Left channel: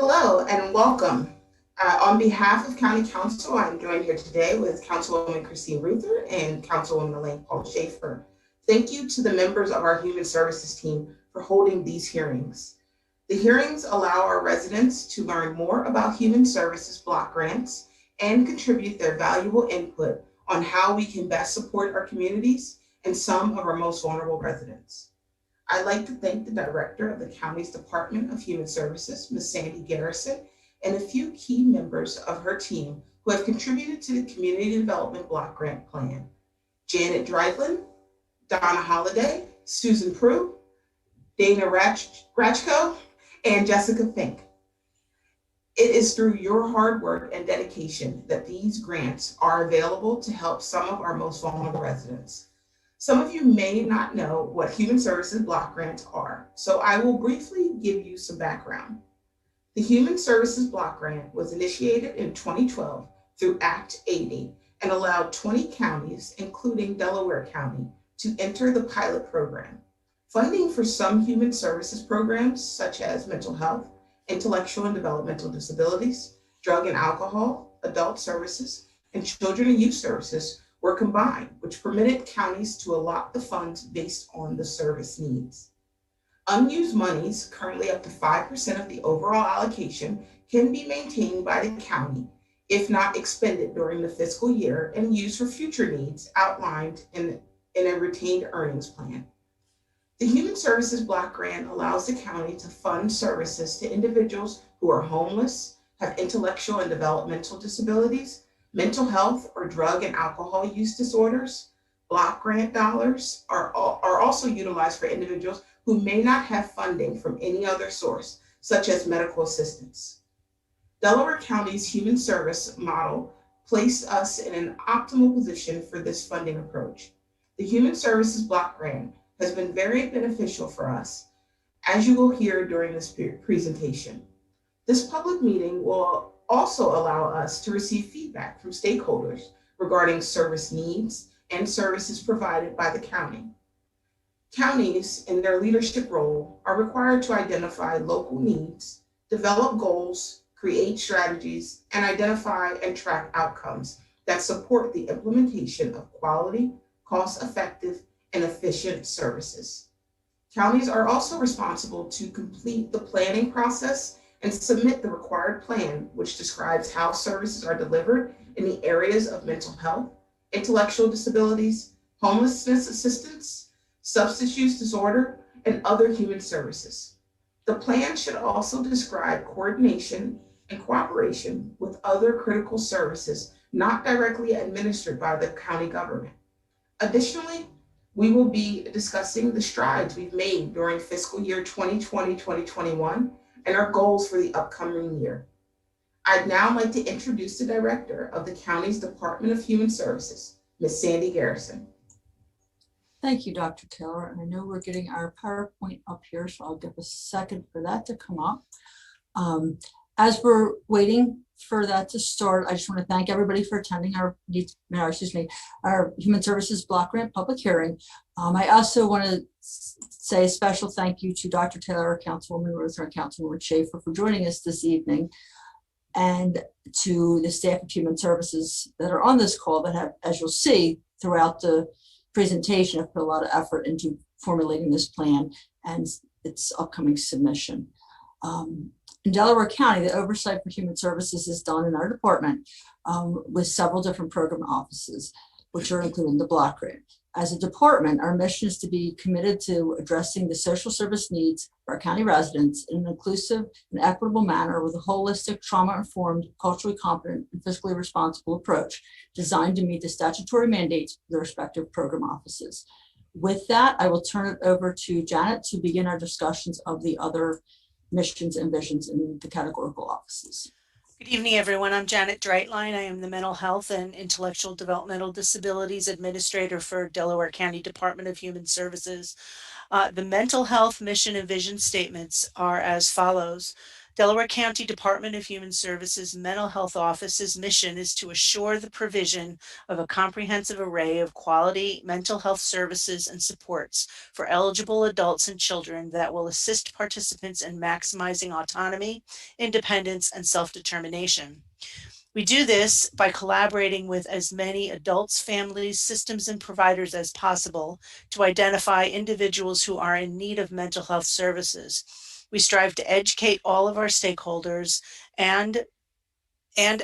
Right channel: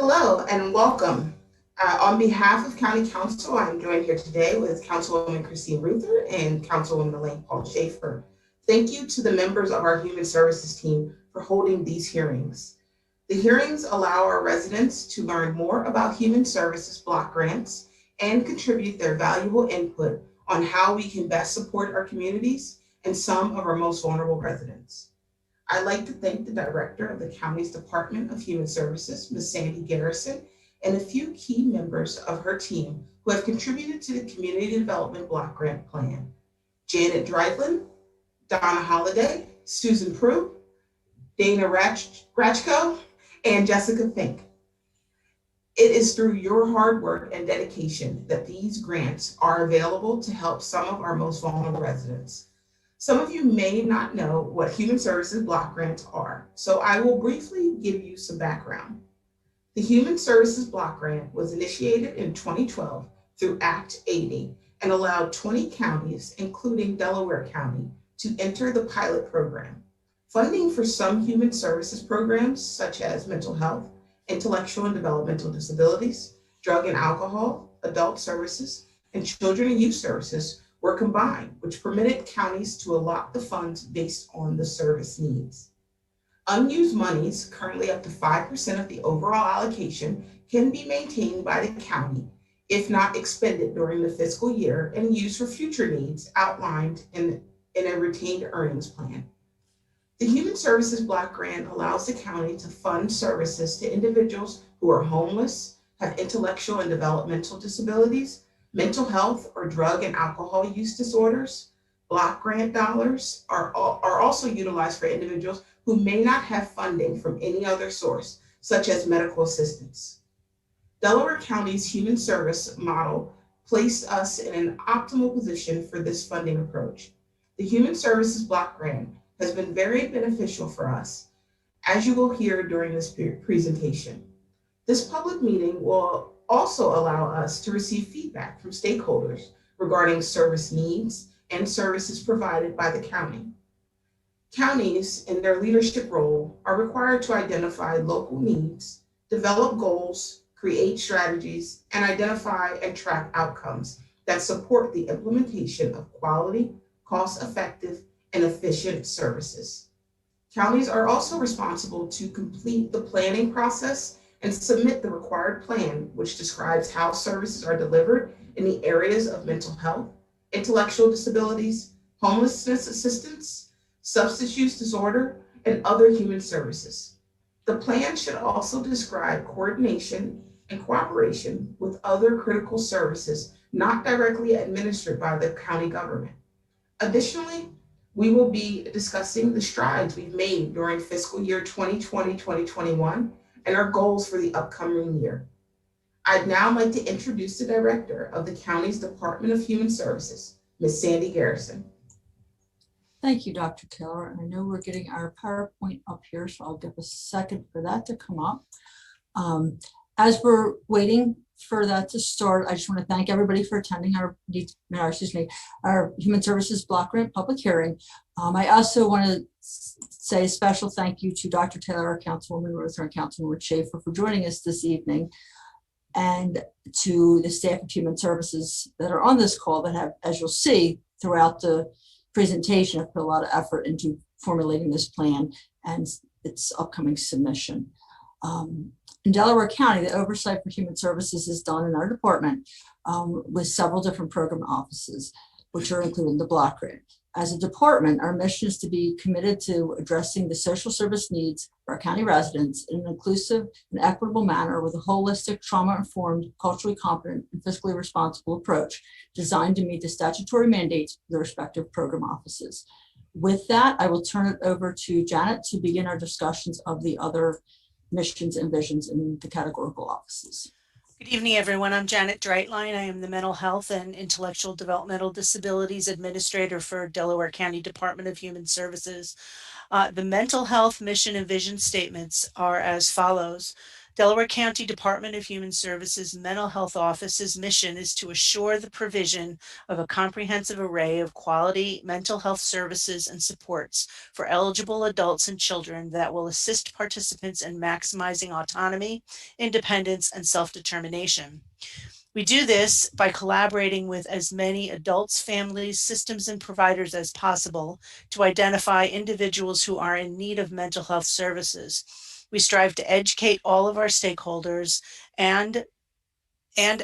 Hello and welcome. On behalf of County Council, I'm joined here today with Councilwoman Christine Ruther and Councilwoman Elaine Paul Schaefer. Thank you to the members of our Human Services team for holding these hearings. The hearings allow our residents to learn more about Human Services block grants and contribute their valuable input on how we can best support our communities and some of our most vulnerable residents. I'd like to thank the director of the county's Department of Human Services, Ms. Sandy Garrison, and a few key members of her team who have contributed to the Community Development Block Grant Plan. Janet Dreidlin, Donna Holliday, Susan Prue, Dana Ratchko, and Jessica Fink. It is through your hard work and dedication that these grants are available to help some of our most vulnerable residents. Some of you may not know what Human Services block grants are, so I will briefly give you some background. The Human Services Block Grant was initiated in 2012 through Act 80 and allowed 20 counties, including Delaware County, to enter the pilot program. Funding for some human services programs, such as mental health, intellectual and developmental disabilities, drug and alcohol, adult services, and children and youth services were combined, which permitted counties to allot the funds based on the service needs. Unused monies, currently up to 5% of the overall allocation, can be maintained by the county if not expended during the fiscal year and used for future needs outlined in a retained earnings plan. The Human Services Block Grant allows the county to fund services to individuals who are homeless, have intellectual and developmental disabilities, mental health or drug and alcohol use disorders. Block grant dollars are also utilized for individuals who may not have funding from any other source, such as medical assistance. Delaware County's human service model placed us in an optimal position for this funding approach. The Human Services Block Grant has been very beneficial for us, as you will hear during this presentation. This public meeting will also allow us to receive feedback from stakeholders regarding service needs and services provided by the county. Counties, in their leadership role, are required to identify local needs, develop goals, create strategies, and identify and track outcomes that support the implementation of quality, cost-effective, and efficient services. Counties are also responsible to complete the planning process and submit the required plan, which describes how services are delivered in the areas of mental health, intellectual disabilities, homelessness assistance, substance use disorder, and other human services. The plan should also describe coordination and cooperation with other critical services not directly administered by the county government. Additionally, we will be discussing the strides we've made during fiscal year 2020-2021 and our goals for the upcoming year. I'd now like to introduce the director of the county's Department of Human Services, Ms. Sandy Garrison. Thank you, Dr. Taylor. I know we're getting our PowerPoint up here, so I'll give a second for that to come up. As we're waiting for that to start, I just want to thank everybody for attending our Human Services Block Grant public hearing. I also want to say a special thank you to Dr. Taylor, Councilwoman Ruther, and Councilwoman Schaefer for joining us this evening, and to the staff of Human Services that are on this call that have, as you'll see throughout the presentation, have put a lot of effort into formulating this plan and its upcoming submission. In Delaware County, the oversight for human services is done in our department with several different program offices, which are included in the block grant. As a department, our mission is to be committed to addressing the social service needs for our county residents in an inclusive and equitable manner with a holistic, trauma-informed, culturally competent, and fiscally responsible approach designed to meet the statutory mandates of the respective program offices. With that, I will turn it over to Janet to begin our discussions of the other missions and visions in the categorical offices. Good evening, everyone. I'm Janet Dreitline. I am the Mental Health and Intellectual Developmental Disabilities Administrator for Delaware County Department of Human Services. The mental health mission and vision statements are as follows: Delaware County Department of Human Services Mental Health Office's mission is to assure the provision of a comprehensive array of quality mental health services and supports for eligible adults and children that will assist participants in maximizing autonomy, independence, and self-determination. We do this by collaborating with as many adults, families, systems, and providers as possible to identify individuals who are in need of mental health services. We strive to educate all of our stakeholders and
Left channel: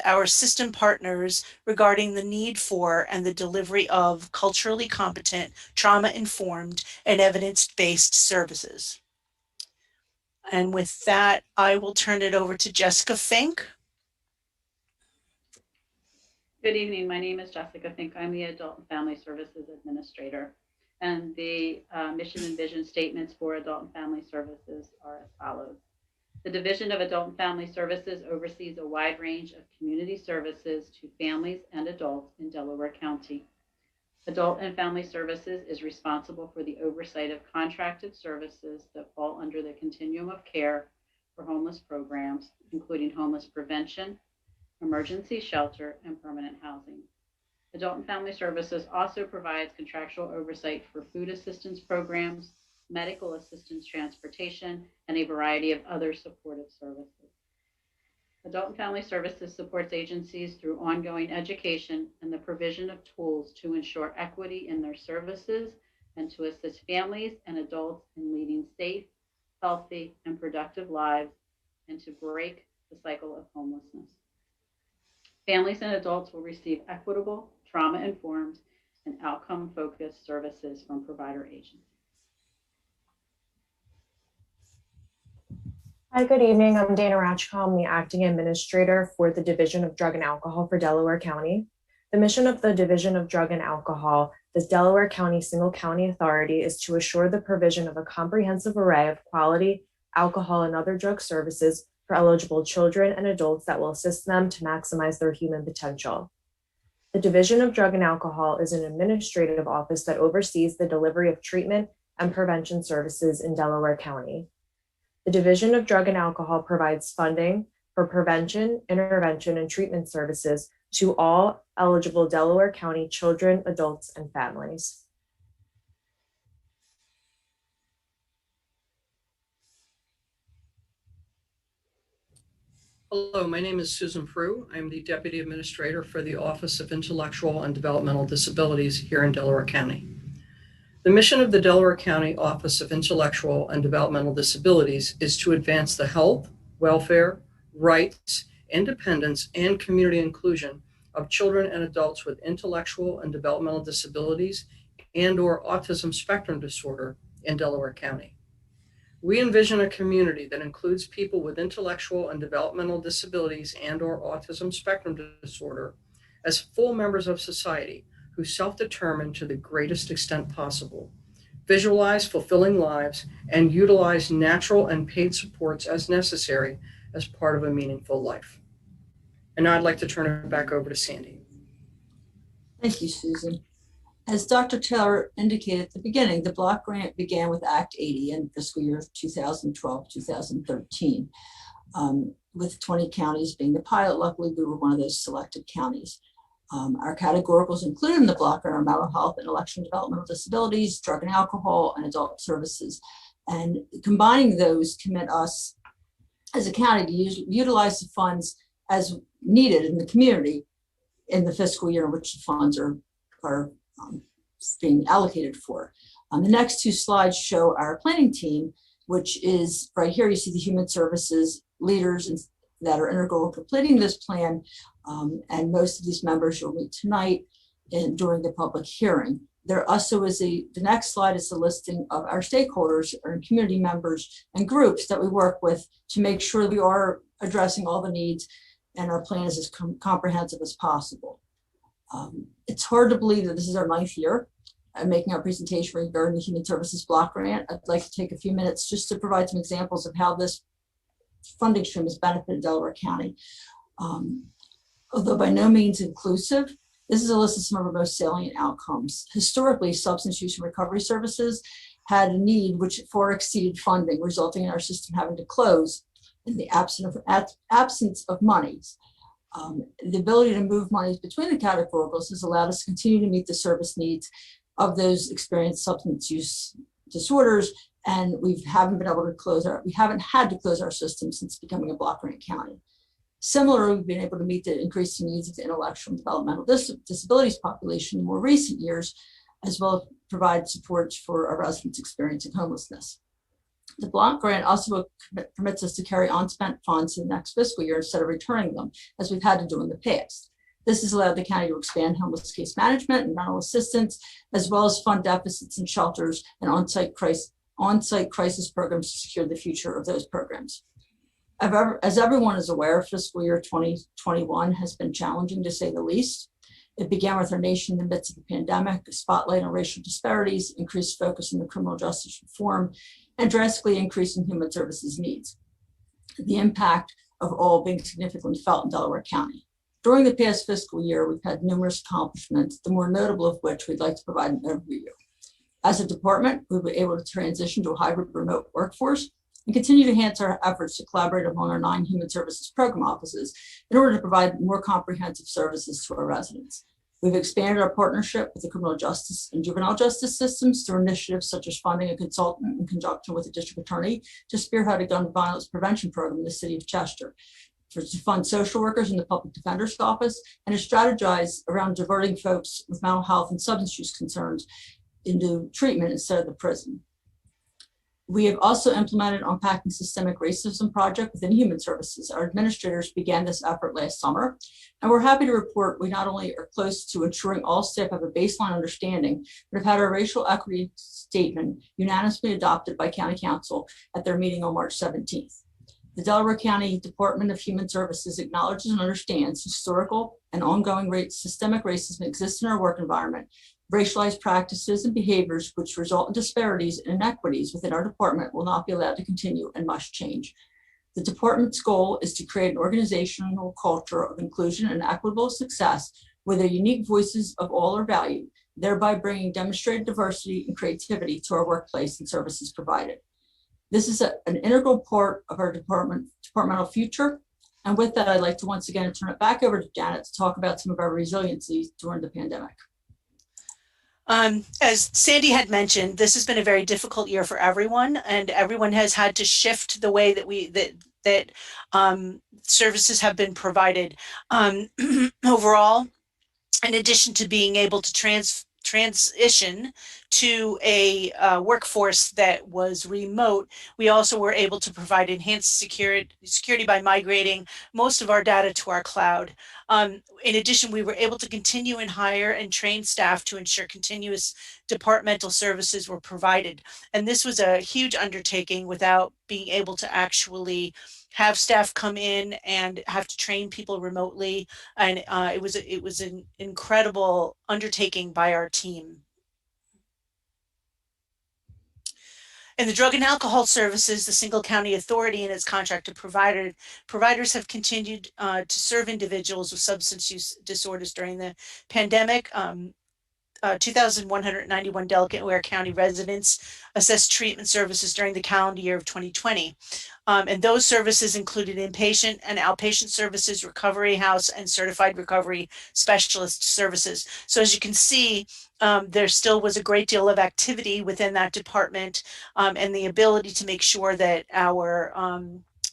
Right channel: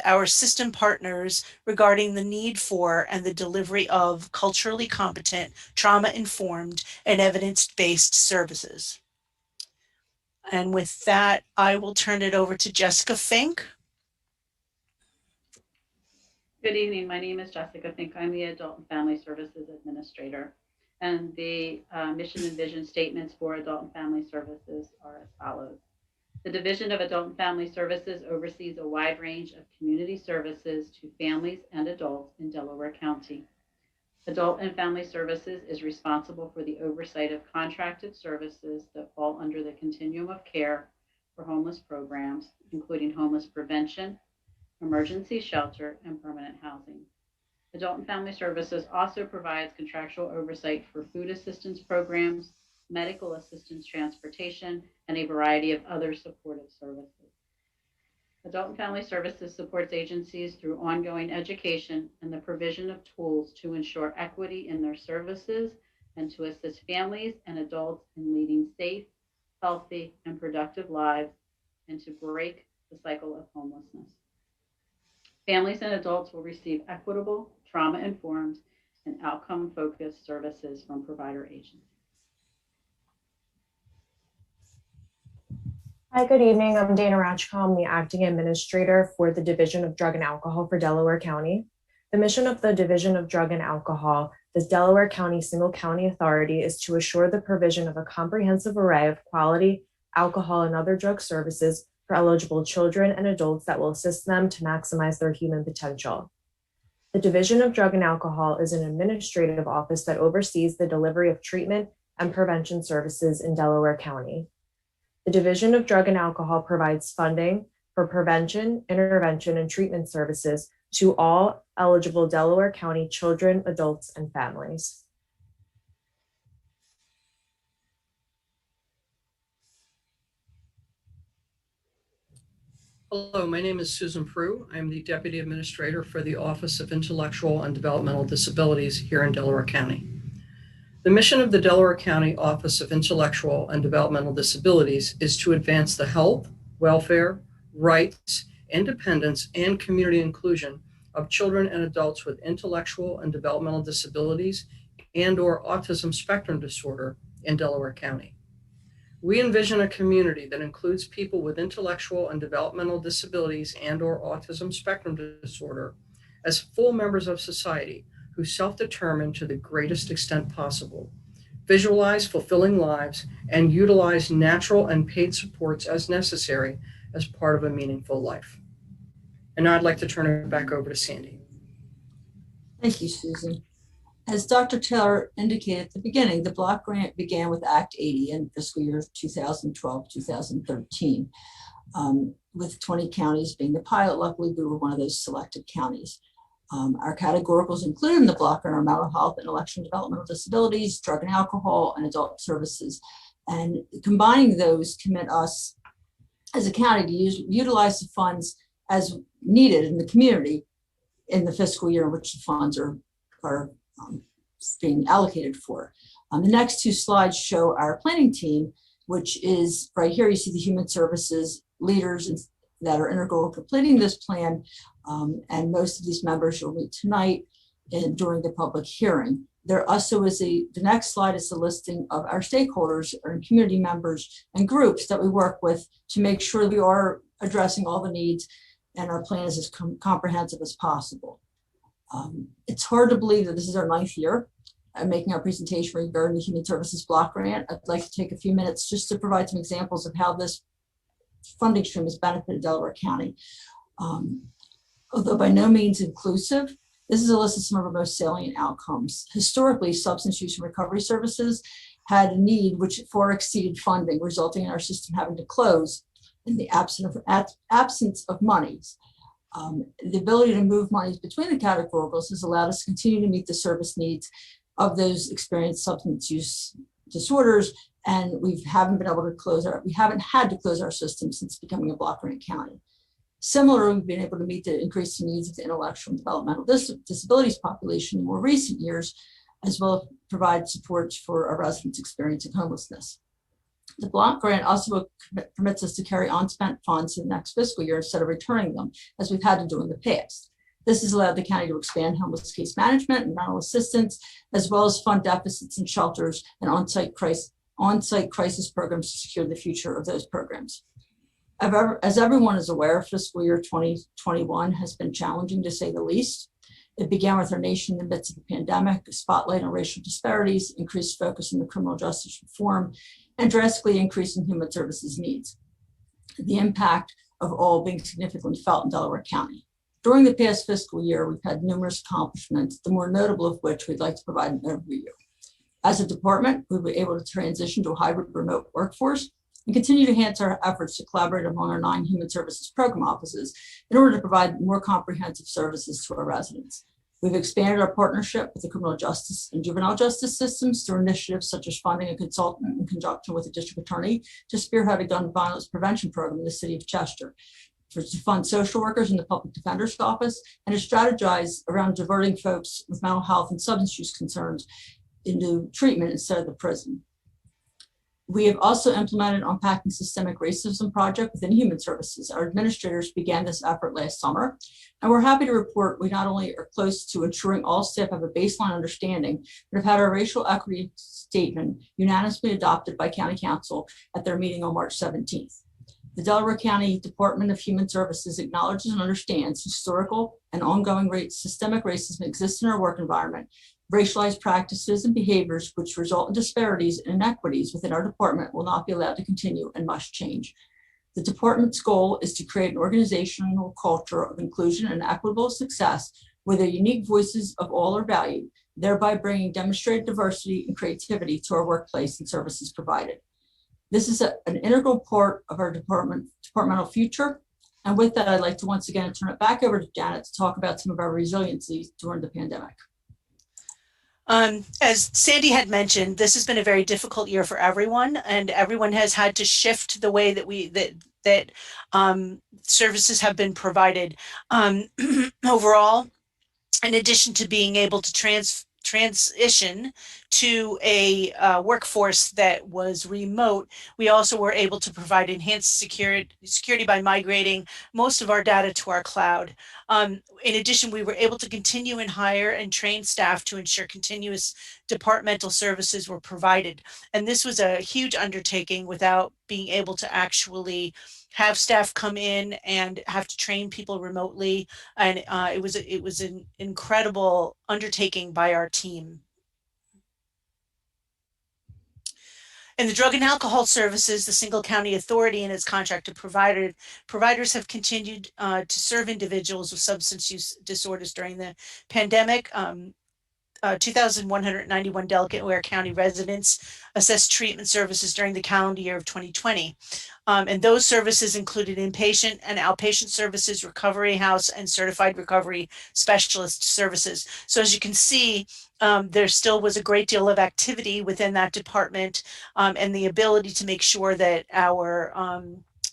our system partners regarding the need for and the delivery of culturally competent, trauma-informed, and evidence-based services. And with that, I will turn it over to Jessica Fink. Good evening. My name is Jessica Fink. I'm the Adult and Family Services Administrator. And the mission and vision statements for Adult and Family Services are as follows. The Division of Adult and Family Services oversees a wide range of community services to families and adults in Delaware County. Adult and Family Services is responsible for the oversight of contracted services that fall under the continuum of care for homeless programs, including homeless prevention, emergency shelter, and permanent housing. Adult and Family Services also provides contractual oversight for food assistance programs, medical assistance transportation, and a variety of other supportive services. Adult and Family Services supports agencies through ongoing education and the provision of tools to ensure equity in their services and to assist families and adults in leading safe, healthy, and productive lives and to break the cycle of homelessness. Families and adults will receive equitable, trauma-informed, and outcome-focused services from provider agencies. Hi, good evening. I'm Dana Ratchko. I'm the Acting Administrator for the Division of Drug and Alcohol for Delaware County. The mission of the Division of Drug and Alcohol, the Delaware County Single County Authority, is to assure the provision of a comprehensive array of quality alcohol and other drug services for eligible children and adults that will assist them to maximize their human potential. The Division of Drug and Alcohol is an administrative office that oversees the delivery of treatment and prevention services in Delaware County. The Division of Drug and Alcohol provides funding for prevention, intervention, and treatment services to all eligible Delaware County children, adults, and families. Hello, my name is Susan Frew. I'm the Deputy Administrator for the Office of Intellectual and Developmental Disabilities here in Delaware County. The mission of the Delaware County Office of Intellectual and Developmental Disabilities is to advance the health, welfare, rights, independence, and community inclusion of children and adults with intellectual and developmental disabilities and/or autism spectrum disorder in Delaware County. We envision a community that includes people with intellectual and developmental disabilities and/or autism spectrum disorder as full members of society who self-determine to the greatest extent possible, visualize fulfilling lives, and utilize natural and paid supports as necessary as part of a meaningful life. And now I'd like to turn it back over to Sandy. Thank you, Susan. As Dr. Taylor indicated at the beginning, the block grant began with Act 80 in fiscal year 2012-2013, with 20 counties being the pilot. Luckily, we were one of those selected counties. Our categoricals included in the block are mental health, intellectual and developmental disabilities, drug and alcohol, and adult services. And combining those commit us as a county to utilize the funds as needed in the community in the fiscal year in which the funds are being allocated for. The next two slides show our planning team, which is right here. You see the human services leaders that are integral to completing this plan. And most of these members will meet tonight and during the public hearing. There also is the next slide is the listing of our stakeholders or community members and groups that we work with to make sure we are addressing all the needs and our plan is as comprehensive as possible. It's hard to believe that this is our 9th year making our presentation regarding the Human Services Block Grant. I'd like to take a few minutes just to provide some examples of how this funding stream has benefited Delaware County. Although by no means inclusive, this is a list of some of our most salient outcomes. Historically, substance use and recovery services had a need which far exceeded funding, resulting in our system having to close in the absence of monies. The ability to move monies between the categoricals has allowed us to continue to meet the service needs of those experienced substance use disorders, and we haven't had to close our system since becoming a block grant county. Similarly, we've been able to meet the increasing needs of the intellectual and developmental disabilities population in more recent years, as well as provide supports for our residents experiencing homelessness. The block grant also permits us to carry unspent funds in the next fiscal year instead of returning them, as we've had to do in the past. This has allowed the county to expand homeless case management and mental assistance, as well as fund deficits in shelters and on-site crisis programs to secure the future of those programs. As everyone is aware, fiscal year 2021 has been challenging, to say the least. It began with our nation in the midst of the pandemic, a spotlight on racial disparities, increased focus on the criminal justice reform, and drastically increasing human services needs. The impact of all being significantly felt in Delaware County. During the past fiscal year, we've had numerous accomplishments, the more notable of which we'd like to provide an overview. As a department, we were able to transition to a hybrid remote workforce and continue to enhance our efforts to collaborate among our 9 human services program offices in order to provide more comprehensive services to our residents. We've expanded our partnership with the criminal justice and juvenile justice systems through initiatives such as funding a consultant in conjunction with the district attorney to spearhead a gun violence prevention program in the city of Chester, to fund social workers in the public defender's office, and to strategize around diverting folks with mental health and substance use concerns into treatment instead of the prison. We have also implemented an Unpacking Systemic Racism project within Human Services. Our administrators began this effort last summer, and we're happy to report we not only are close to ensuring all staff have a baseline understanding, but have had our racial equity statement unanimously adopted by County Council at their meeting on March 17th. The Delaware County Department of Human Services acknowledges and understands historical and ongoing systemic racism exists in our work environment. Racialized practices and behaviors which result in disparities and inequities within our department will not be allowed to continue and must change. The department's goal is to create an organizational culture of inclusion and equitable success where the unique voices of all are valued, thereby bringing demonstrated diversity and creativity to our workplace and services provided. This is an integral part of our departmental future. And with that, I'd like to once again turn it back over to Janet to talk about some of our resiliency during the pandemic. As Sandy had mentioned, this has been a very difficult year for everyone, and everyone has had to shift the way that services have been provided. Overall, in addition to being able to transition to a workforce that was remote, we also were able to provide enhanced security by migrating most of our data to our cloud. In addition, we were able to continue and hire and train staff to ensure continuous departmental services were provided. And this was a huge undertaking without being able to actually have staff come in and have to train people remotely. And it was an incredible undertaking by our team. In the Drug and Alcohol Services, the single county authority and its contracted providers have continued to serve individuals with substance use disorders during the pandemic. 2,191 Delaware County residents assessed treatment services during the calendar year of 2020. And those services included inpatient and outpatient services, recovery house, and certified recovery specialist services. So as you can see, there still was a great deal of activity within that department, and the ability to make sure that our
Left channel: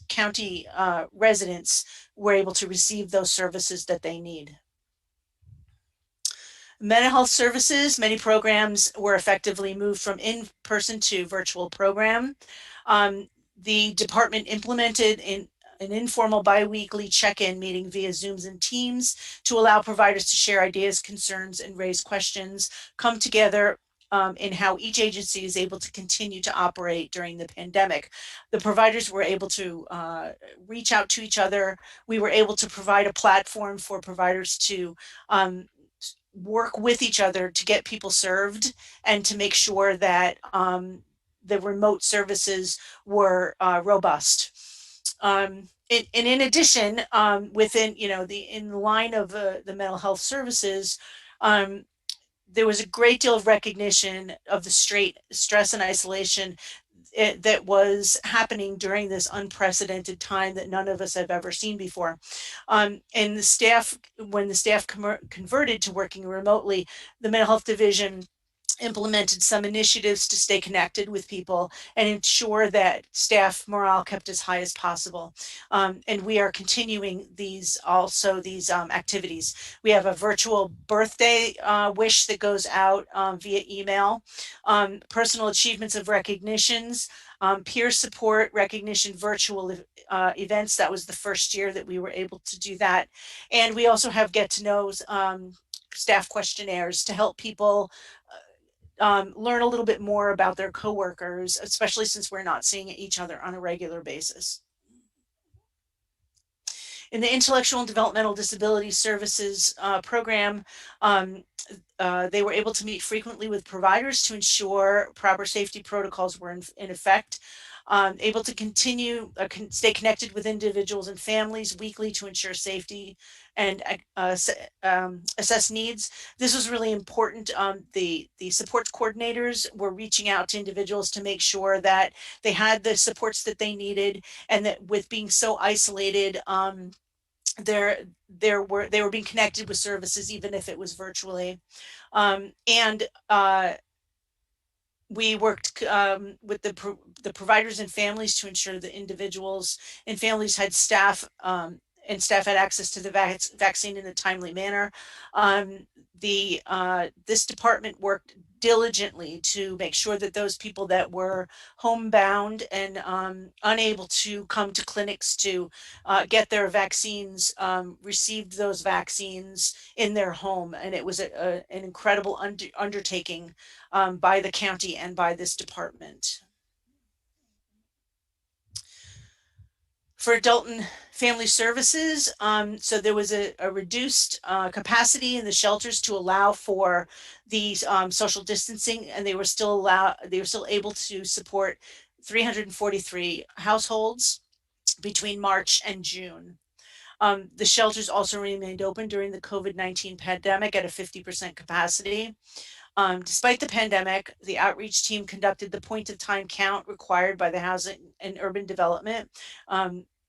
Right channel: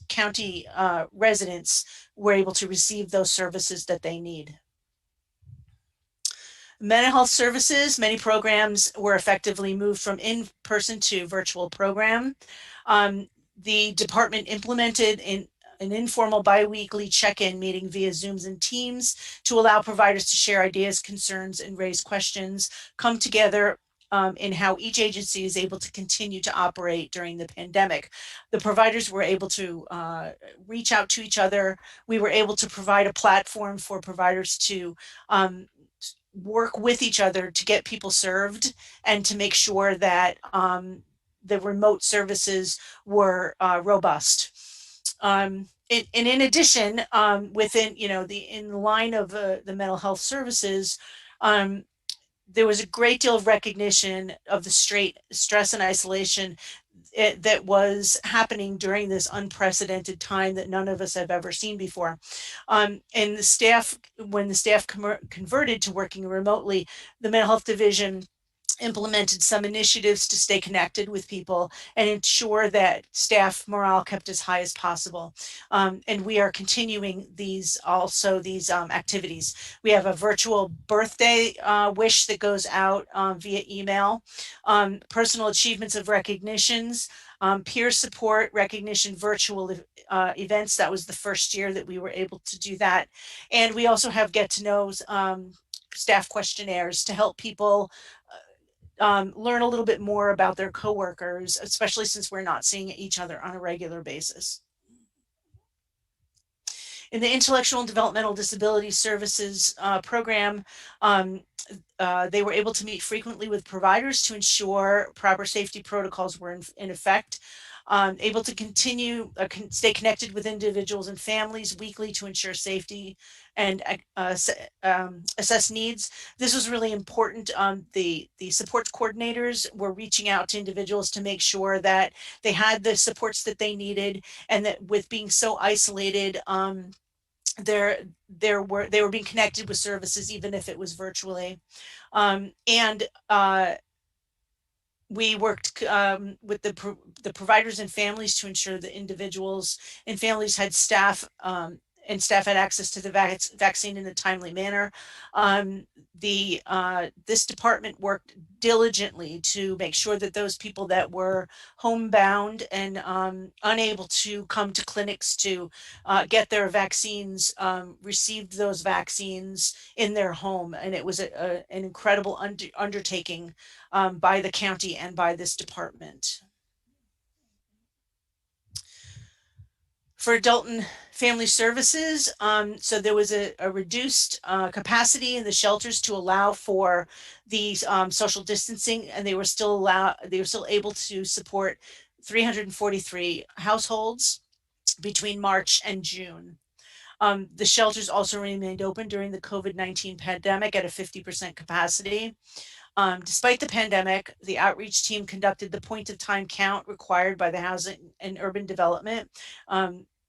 county residents were able to receive those services that they need. Mental health services, many programs were effectively moved from in-person to virtual program. The department implemented an informal biweekly check-in meeting via Zooms and Teams to allow providers to share ideas, concerns, and raise questions, come together in how each agency is able to continue to operate during the pandemic. The providers were able to reach out to each other. We were able to provide a platform for providers to work with each other to get people served and to make sure that the remote services were robust. And in addition, within, in the line of the mental health services, there was a great deal of recognition of the stress and isolation that was happening during this unprecedented time that none of us have ever seen before. And the staff, when the staff converted to working remotely, the mental health division implemented some initiatives to stay connected with people and ensure that staff morale kept as high as possible. And we are continuing these activities. We have a virtual birthday wish that goes out via email, personal achievements of recognitions, peer support recognition, virtual events. That was the first year that we were able to do that. And we also have get to know staff questionnaires to help people learn a little bit more about their coworkers, especially since we're not seeing each other on a regular basis. In the Intellectual and Developmental Disability Services program, they were able to meet frequently with providers to ensure proper safety protocols were in effect. Able to continue, stay connected with individuals and families weekly to ensure safety and assess needs. This was really important. The support coordinators were reaching out to individuals to make sure that they had the supports that they needed, and that with being so isolated, they were being connected with services even if it was virtually. We worked with the providers and families to ensure that individuals and families had staff and staff had access to the vaccine in a timely manner. This department worked diligently to make sure that those people that were homebound and unable to come to clinics to get their vaccines received those vaccines in their home. And it was an incredible undertaking by the county and by this department. For adult and family services, so there was a reduced capacity in the shelters to allow for these social distancing, and they were still able to support 343 households between March and June. The shelters also remained open during the COVID-19 pandemic at a 50% capacity. Despite the pandemic, the outreach team conducted the point of time count required by the Housing and Urban Development,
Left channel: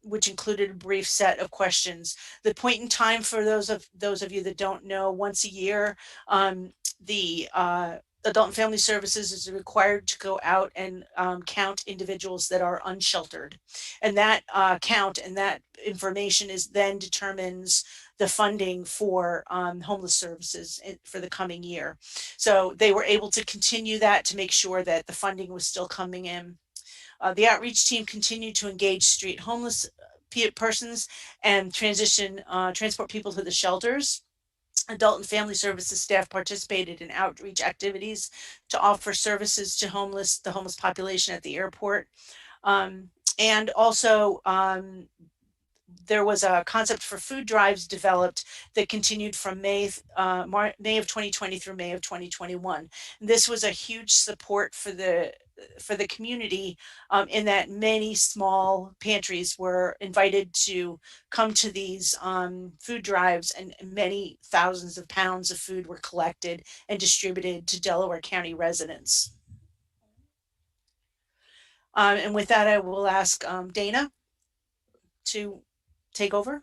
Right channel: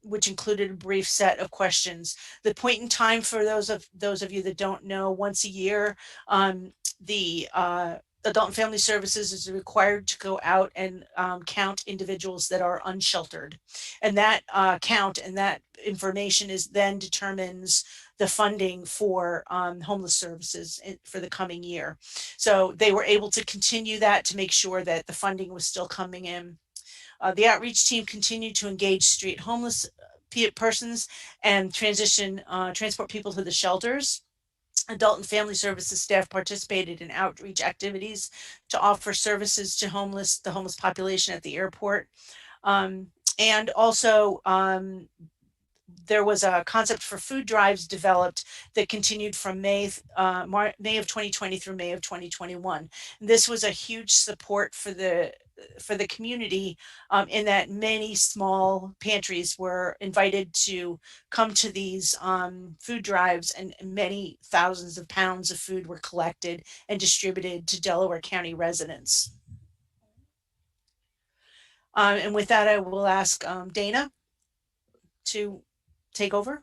which included a brief set of questions. The point in time, for those of you that don't know, once a year, the Adult and Family Services is required to go out and count individuals that are unsheltered. And that count and that information then determines the funding for homeless services for the coming year. So they were able to continue that to make sure that the funding was still coming in. The outreach team continued to engage street homeless persons and transport people to the shelters. Adult and Family Services staff participated in outreach activities to offer services to the homeless population at the airport. And also, there was a concept for food drives developed that continued from May of 2020 through May of 2021. And this was a huge support for the community, in that many small pantries were invited to come to these food drives, and many thousands of pounds of food were collected and distributed to Delaware County residents. And with that, I will ask Dana to take over.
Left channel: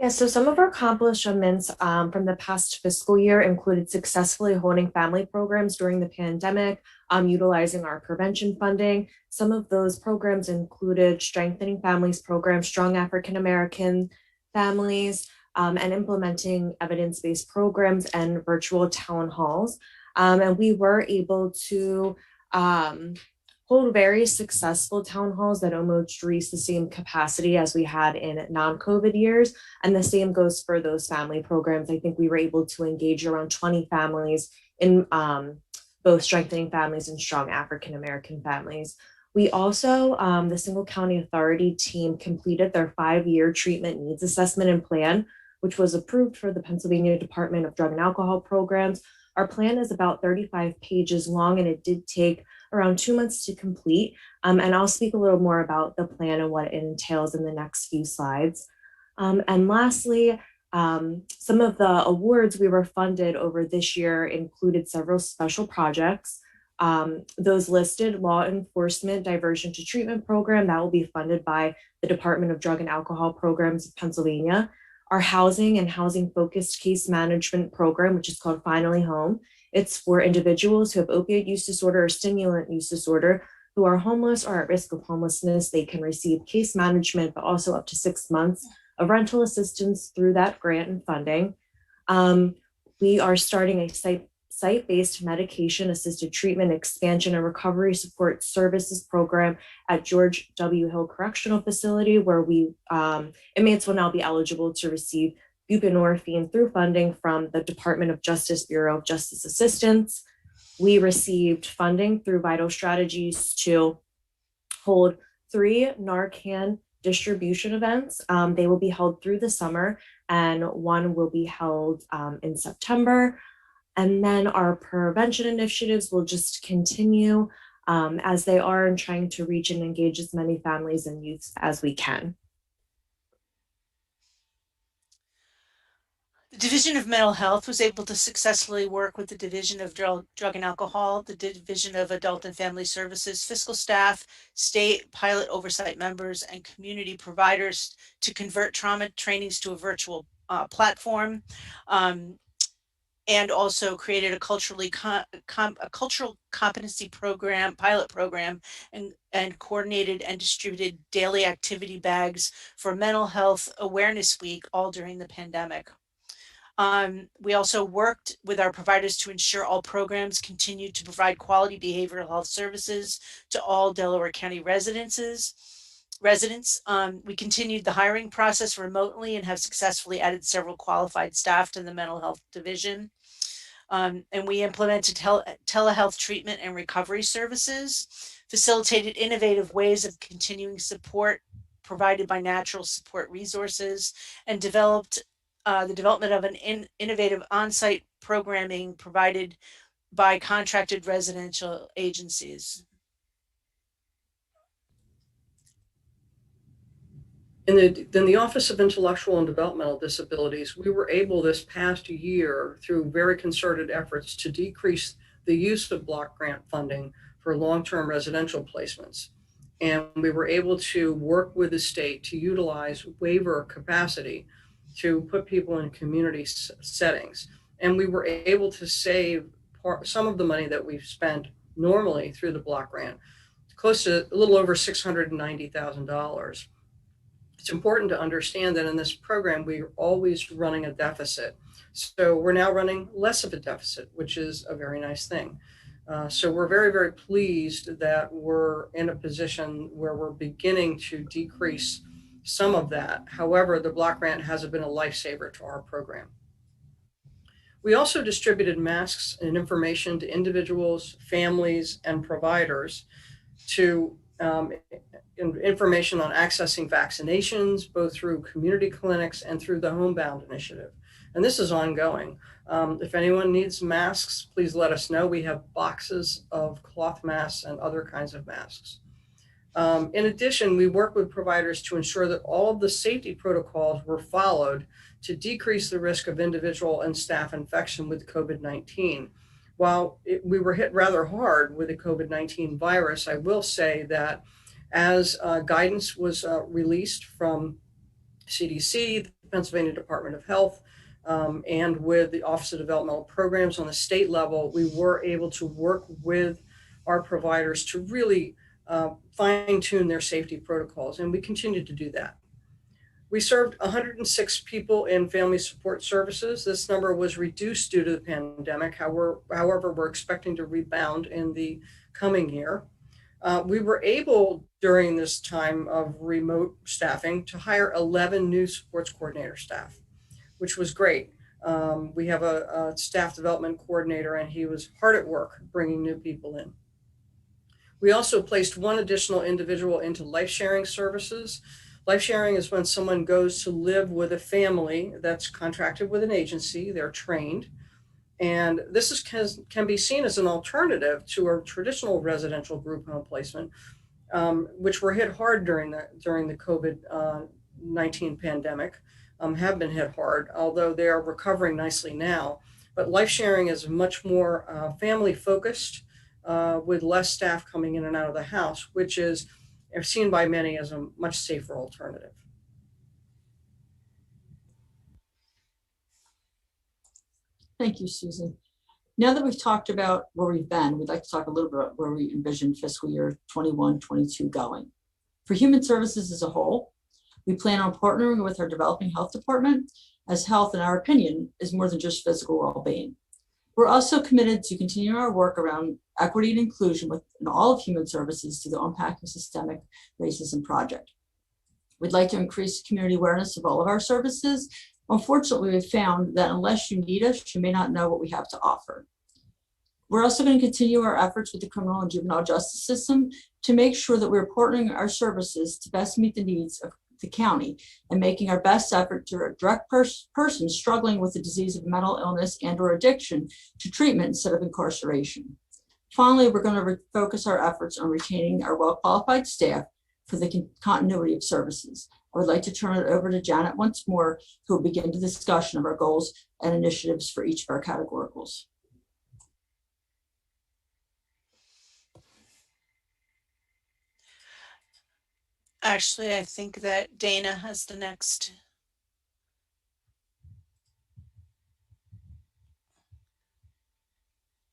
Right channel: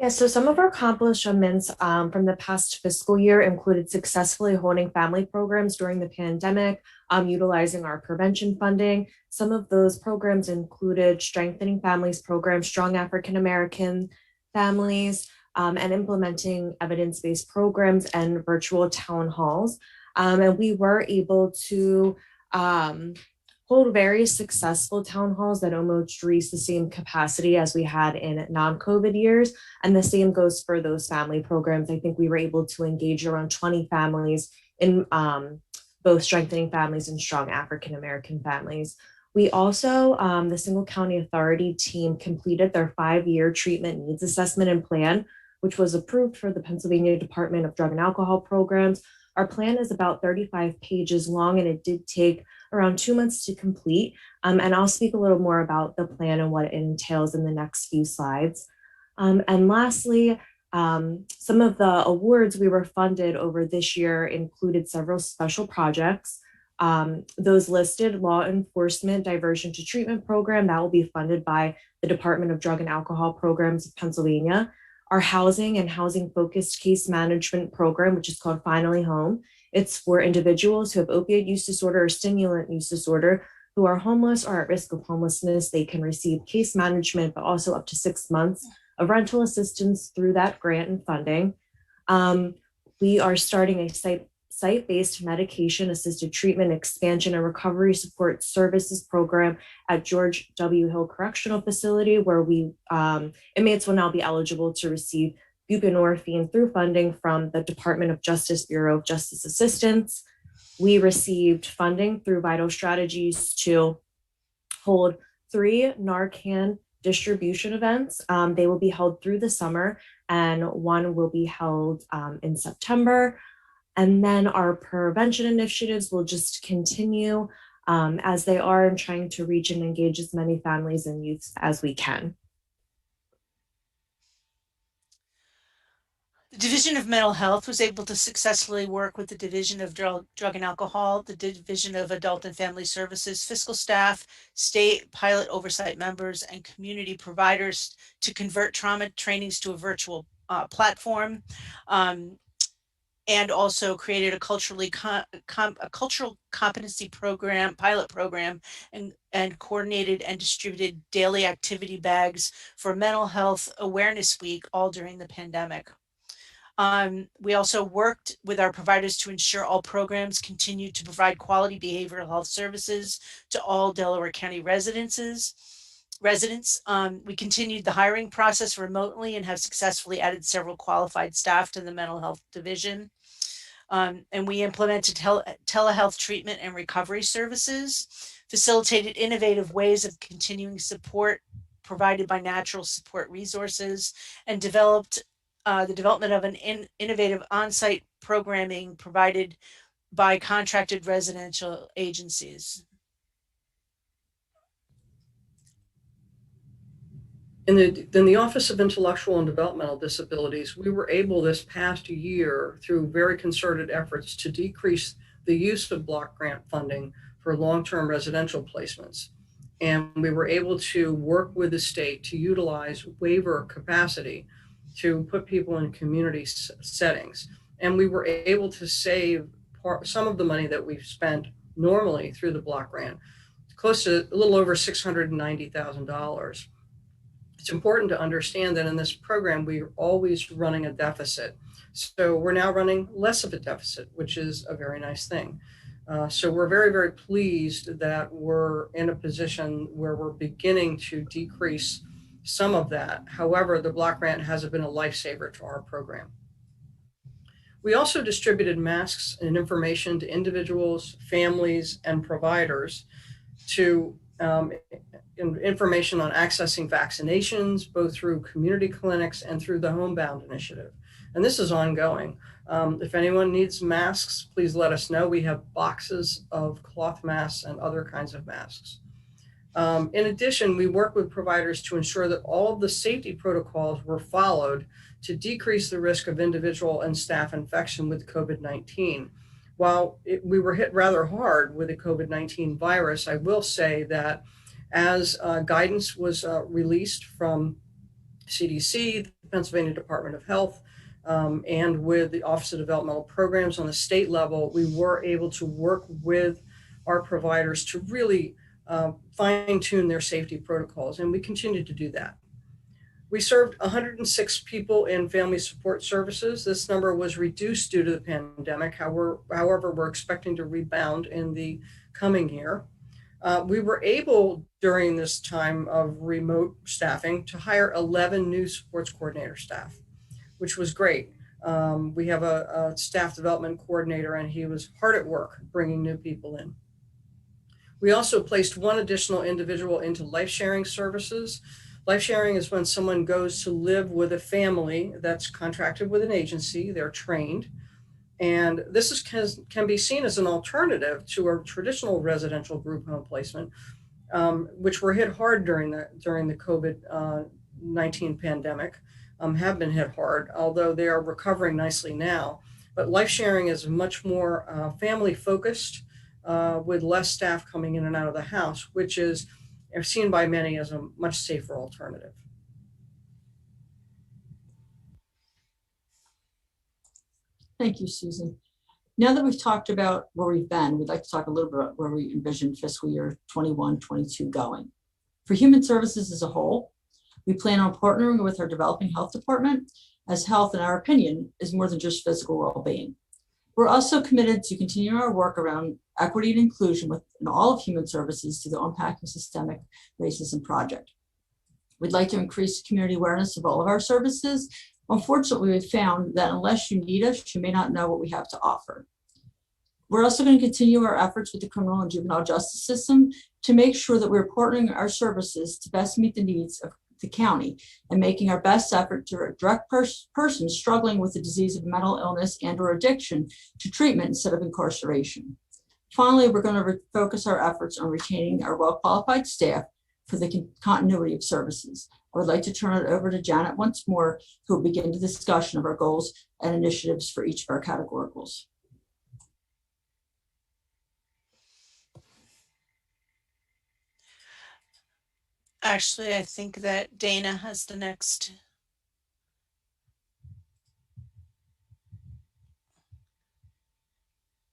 Yeah, so some of our accomplishments from the past fiscal year included successfully holding family programs during the pandemic, utilizing our prevention funding. Some of those programs included strengthening families programs, strong African American families, and implementing evidence-based programs and virtual town halls. And we were able to hold very successful town halls that almost reached the same capacity as we had in non-COVID years. And the same goes for those family programs. I think we were able to engage around 20 families in both strengthening families and strong African American families. We also, the Single County Authority team completed their 5-year treatment needs assessment and plan, which was approved for the Pennsylvania Department of Drug and Alcohol Programs. Our plan is about 35 pages long, and it did take around 2 months to complete. And I'll speak a little more about the plan and what it entails in the next few slides. And lastly, some of the awards we were funded over this year included several special projects. Those listed: law enforcement diversion to treatment program that will be funded by the Department of Drug and Alcohol Programs of Pennsylvania. Our housing and housing focused case management program, which is called Finally Home. It's for individuals who have opioid use disorder or stimulant use disorder who are homeless or at risk of homelessness. They can receive case management, but also up to 6 months of rental assistance through that grant and funding. We are starting a site-based medication assisted treatment expansion and recovery support services program at George W. Hill Correctional Facility, where inmates will now be eligible to receive buprenorphine through funding from the Department of Justice Bureau of Justice Assistance. We received funding through Vital Strategies to hold 3 Narcan distribution events. They will be held through the summer, and one will be held in September. And then our prevention initiatives will just continue as they are, in trying to reach and engage as many families and youths as we can. The Division of Mental Health was able to successfully work with the Division of Drug and Alcohol, the Division of Adult and Family Services, fiscal staff, state pilot oversight members, and community providers to convert trauma trainings to a virtual platform, and also created a cultural competency program, pilot program, and coordinated and distributed daily activity bags for Mental Health Awareness Week, all during the pandemic. We also worked with our providers to ensure all programs continue to provide quality behavioral health services to all Delaware County residents. We continued the hiring process remotely and have successfully added several qualified staff to the mental health division. And we implemented telehealth treatment and recovery services, facilitated innovative ways of continuing support provided by natural support resources, and developed the development of an innovative on-site programming provided by contracted residential agencies. In the Office of Intellectual and Developmental Disabilities, we were able this past year, through very concerted efforts, to decrease the use of block grant funding for long-term residential placements. And we were able to work with the state to utilize waiver capacity to put people in community settings. And we were able to save some of the money that we've spent normally through the block grant, close to a little over $690,000. It's important to understand that in this program, we're always running a deficit. So we're now running less of a deficit, which is a very nice thing. So we're very, very pleased that we're in a position where we're beginning to decrease some of that. However, the block grant hasn't been a lifesaver to our program. We also distributed masks and information to individuals, families, and providers to information on accessing vaccinations, both through community clinics and through the Homebound initiative. And this is ongoing. If anyone needs masks, please let us know. We have boxes of cloth masks and other kinds of masks. In addition, we work with providers to ensure that all of the safety protocols were followed to decrease the risk of individual and staff infection with COVID-19. While we were hit rather hard with the COVID-19 virus, I will say that as guidance was released from CDC, the Pennsylvania Department of Health, and with the Office of Developmental Programs on the state level, we were able to work with our providers to really fine-tune their safety protocols, and we continue to do that. We served 106 people in family support services. This number was reduced due to the pandemic. However, we're expecting to rebound in the coming year. We were able, during this time of remote staffing, to hire 11 new supports coordinator staff, which was great. We have a staff development coordinator, and he was hard at work bringing new people in. We also placed 1 additional individual into life sharing services. Life sharing is when someone goes to live with a family that's contracted with an agency, they're trained. And this can be seen as an alternative to a traditional residential group home placement, which were hit hard during the COVID-19 pandemic, have been hit hard, although they are recovering nicely now. But life sharing is much more family focused. with less staff coming in and out of the house, which is seen by many as a much safer alternative. Thank you, Susan. Now that we've talked about where we've been, we'd like to talk a little bit about where we envision fiscal year 21-22 going. For human services as a whole, we plan on partnering with our developing health department, as health, in our opinion, is more than just physical well-being. We're also committed to continuing our work around equity and inclusion within all of human services through the Unpacking Systemic Racism Project. We'd like to increase community awareness of all of our services. Unfortunately, we've found that unless you need us, you may not know what we have to offer. We're also going to continue our efforts with the criminal and juvenile justice system to make sure that we're partnering our services to best meet the needs of the county and making our best effort to direct persons struggling with the disease of mental illness and or addiction to treatment instead of incarceration. Finally, we're going to focus our efforts on retaining our well-qualified staff for the continuity of services. I would like to turn it over to Janet once more, who will begin the discussion of our goals and initiatives for each of our categoricals. Actually, I think that Dana has the next.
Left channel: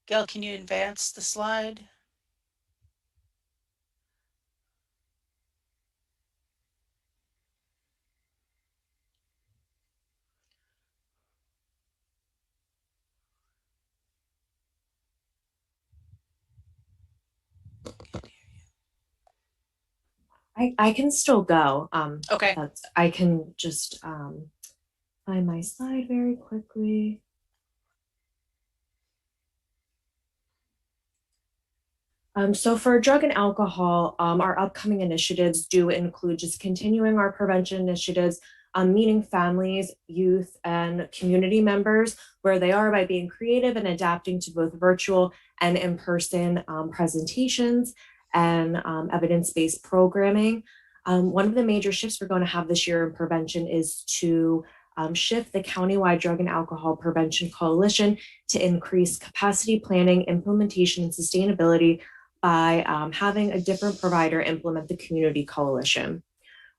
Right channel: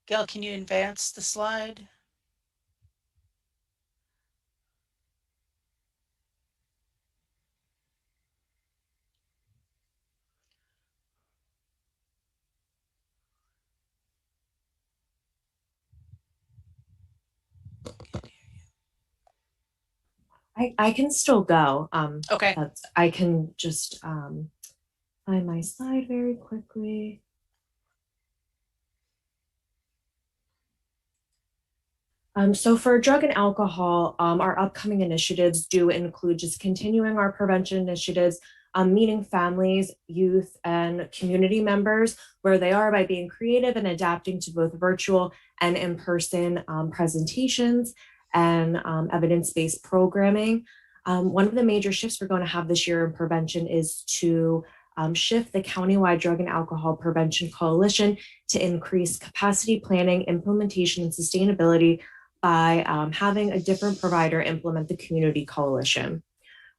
Gail, can you advance the slide? I can still go. Okay. I can just find my slide very quickly. So for drug and alcohol, our upcoming initiatives do include just continuing our prevention initiatives, meeting families, youth, and community members where they are by being creative and adapting to both virtual and in-person presentations and evidence-based programming. One of the major shifts we're going to have this year in prevention is to shift the countywide drug and alcohol prevention coalition to increase capacity planning, implementation, and sustainability by having a different provider implement the community coalition.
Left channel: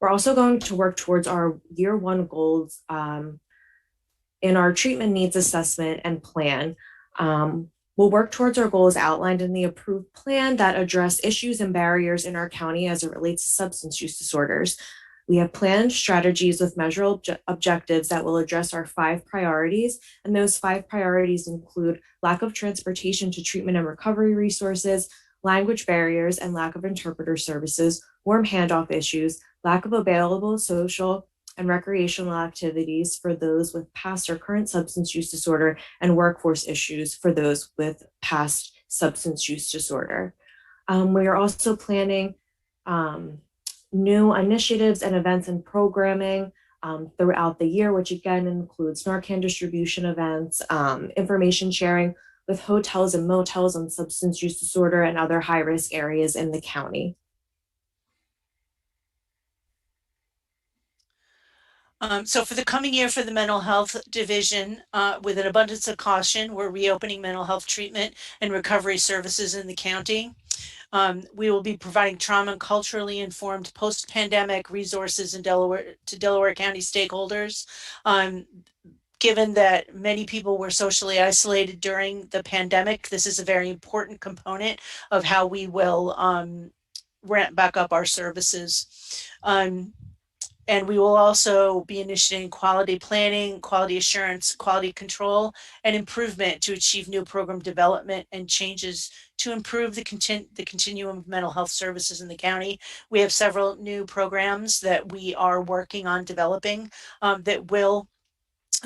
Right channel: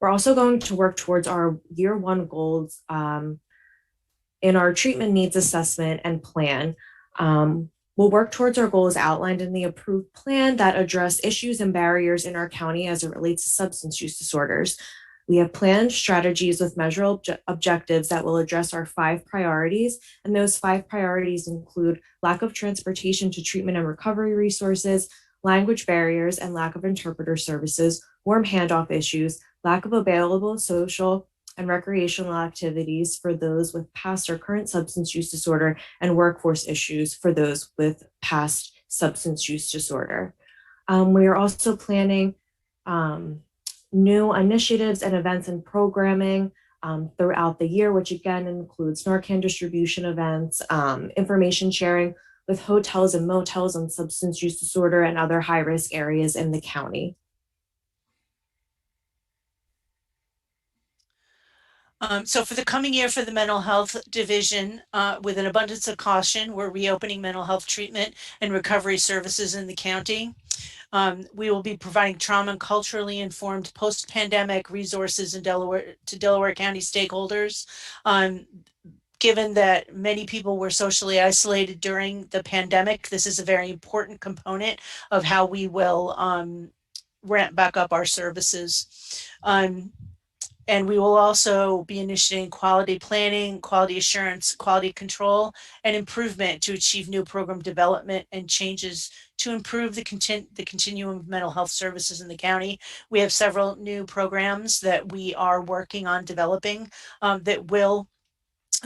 We're also going to work towards our year one goals in our treatment needs assessment and plan. We'll work towards our goals outlined in the approved plan that address issues and barriers in our county as it relates to substance use disorders. We have planned strategies with measurable objectives that will address our 5 priorities. And those 5 priorities include lack of transportation to treatment and recovery resources, language barriers and lack of interpreter services, warm handoff issues, lack of available social and recreational activities for those with past or current substance use disorder, and workforce issues for those with past substance use disorder. We are also planning new initiatives and events and programming throughout the year, which again includes Narcan distribution events, information sharing with hotels and motels on substance use disorder and other high-risk areas in the county. So for the coming year for the mental health division, with an abundance of caution, we're reopening mental health treatment and recovery services in the county. We will be providing trauma and culturally informed post-pandemic resources in Delaware to Delaware County stakeholders. Given that many people were socially isolated during the pandemic, this is a very important component of how we will ramp back up our services. And we will also be initiating quality planning, quality assurance, quality control, and improvement to achieve new program development and changes to improve the continuum of mental health services in the county. We have several new programs that we are working on developing that will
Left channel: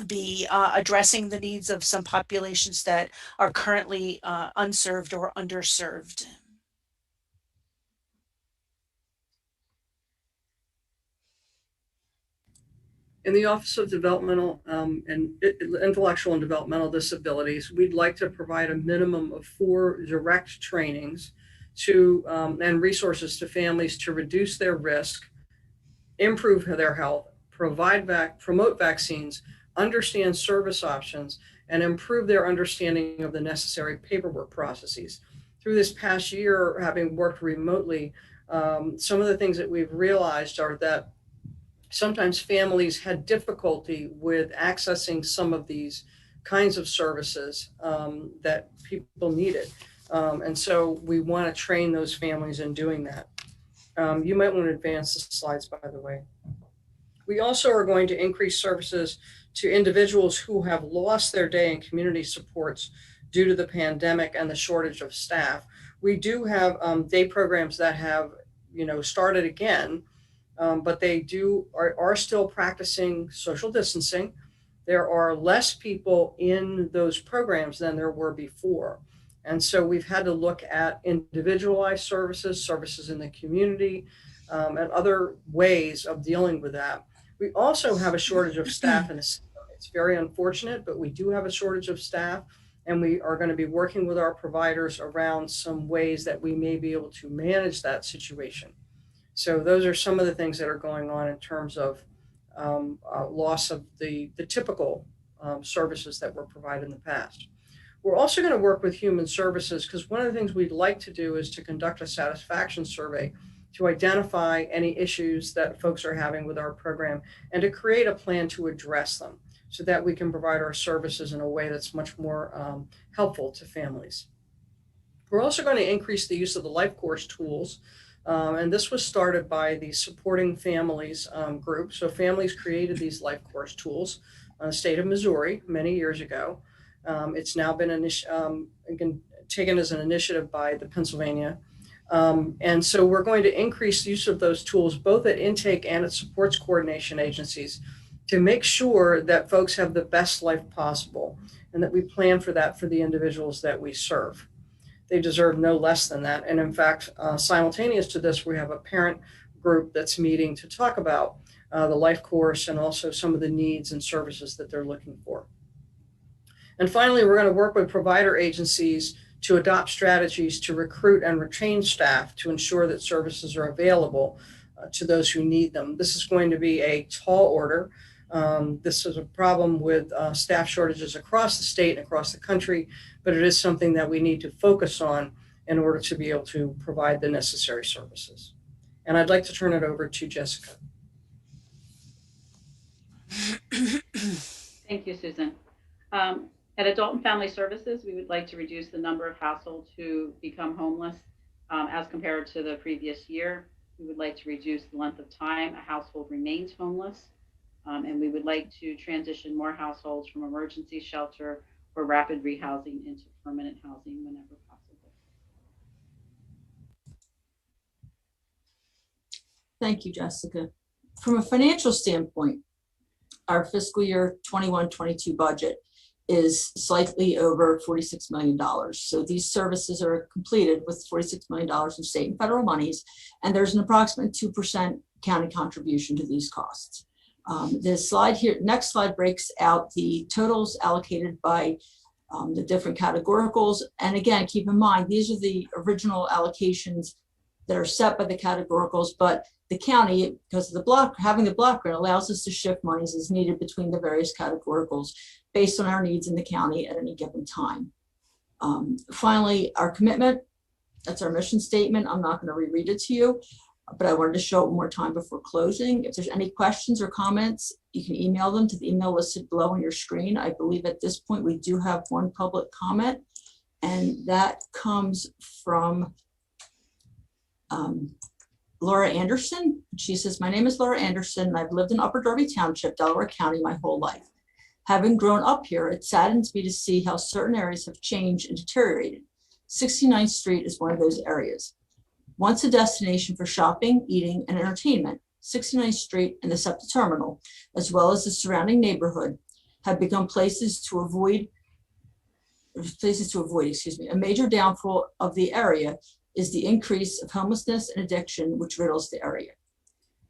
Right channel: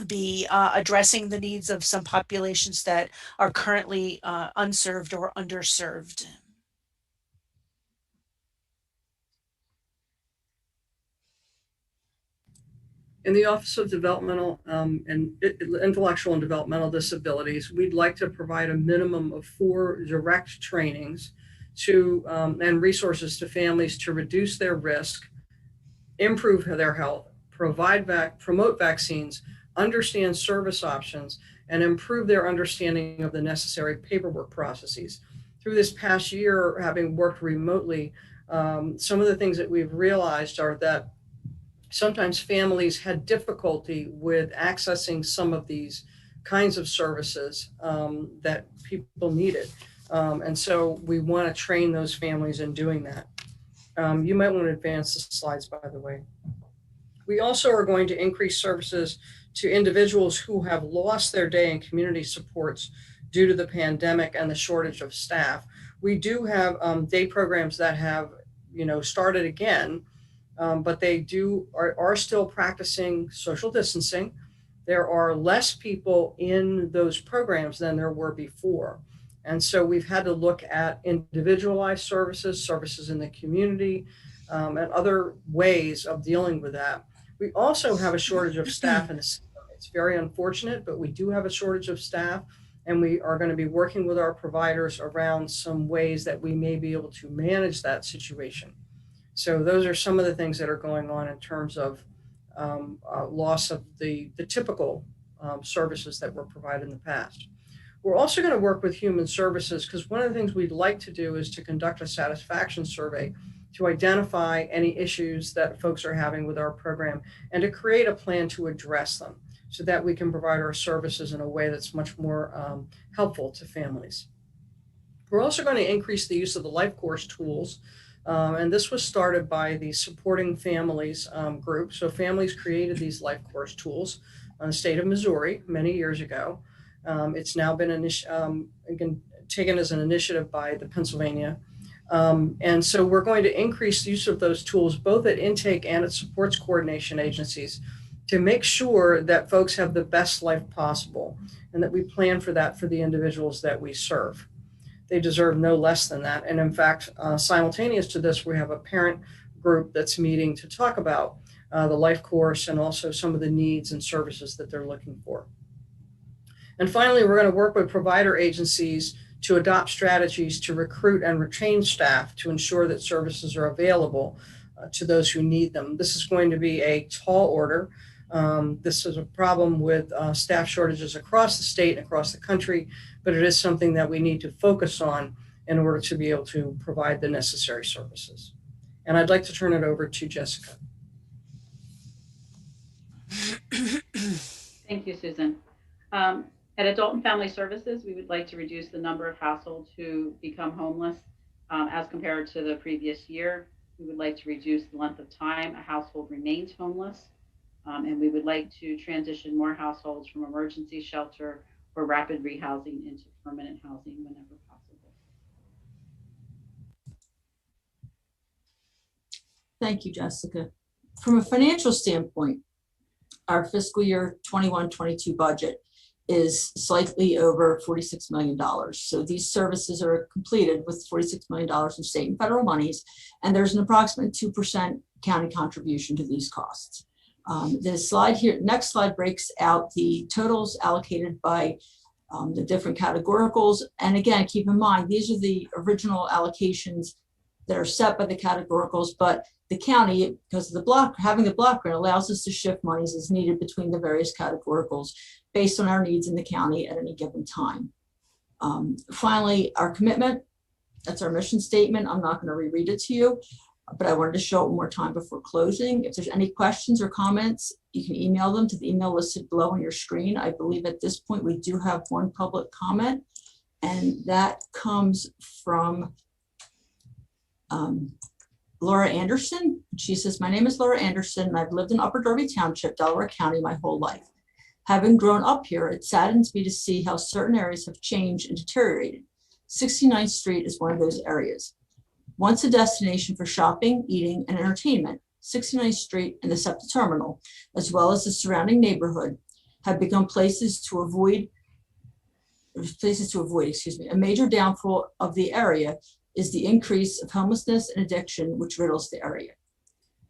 be addressing the needs of some populations that are currently unserved or underserved. In the Office of Developmental and Intellectual and Developmental Disabilities, we'd like to provide a minimum of 4 direct trainings to and resources to families to reduce their risk, improve their health, promote vaccines, understand service options, and improve their understanding of the necessary paperwork processes. through this past year, having worked remotely, some of the things that we've realized are that sometimes families had difficulty with accessing some of these kinds of services that people needed. And so we want to train those families in doing that. You might want to advance the slides, by the way. We also are going to increase services to individuals who have lost their day in community supports due to the pandemic and the shortage of staff. We do have day programs that have, started again, but they are still practicing social distancing. There are less people in those programs than there were before. And so we've had to look at individualized services in the community, and other ways of dealing with that. We also have a shortage of staff in the system. It's very unfortunate, but we do have a shortage of staff, and we are going to be working with our providers around some ways that we may be able to manage that situation. So those are some of the things that are going on in terms of loss of the typical services that were provided in the past. We're also going to work with human services, because one of the things we'd like to do is to conduct a satisfaction survey to identify any issues that folks are having with our program and to create a plan to address them so that we can provide our services in a way that's much more helpful to families. We're also going to increase the use of the life course tools. And this was started by the Supporting Families group. So families created these life course tools in the state of Missouri many years ago. It's now been taken as an initiative by the Pennsylvania. And so we're going to increase the use of those tools both at intake and at supports coordination agencies to make sure that folks have the best life possible and that we plan for that for the individuals that we serve. They deserve no less than that. And in fact, simultaneous to this, we have a parent group that's meeting to talk about the life course and also some of the needs and services that they're looking for. And finally, we're going to work with provider agencies to adopt strategies to recruit and retain staff to ensure that services are available to those who need them. This is going to be a tall order. This is a problem with staff shortages across the state and across the country, but it is something that we need to focus on in order to be able to provide the necessary services. And I'd like to turn it over to Jessica. Thank you, Susan. At Adult and Family Services, we would like to reduce the number of households who become homeless as compared to the previous year. We would like to reduce the length of time a household remains homeless. And we would like to transition more households from emergency shelter or rapid rehousing into permanent housing whenever possible. Thank you, Jessica. From a financial standpoint, our fiscal year 21-22 budget is slightly over $46 million. So these services are completed with $46 million in state and federal monies, and there's an approximate 2% county contribution to these costs. The slide here, next slide, breaks out the totals allocated by the different categoricals. And again, keep in mind, these are the original allocations that are set by the categoricals, but the county, because of the block, having the block grant allows us to shift monies as needed between the various categoricals based on our needs in the county at any given time. Finally, our commitment, that's our mission statement. I'm not going to reread it to you, but I wanted to show it one more time before closing. If there's any questions or comments, you can email them to the email listed below on your screen. I believe at this point we do have one public comment, and that comes from Laura Anderson. She says, my name is Laura Anderson, and I've lived in Upper Darby Township, Delaware County my whole life. Having grown up here, it saddens me to see how certain areas have changed and deteriorated. 69th Street is one of those areas. Once a destination for shopping, eating, and entertainment, 69th Street and the SEPTA terminal, as well as the surrounding neighborhood, have become places to avoid. A major downfall of the area is the increase of homelessness and addiction, which riddles the area.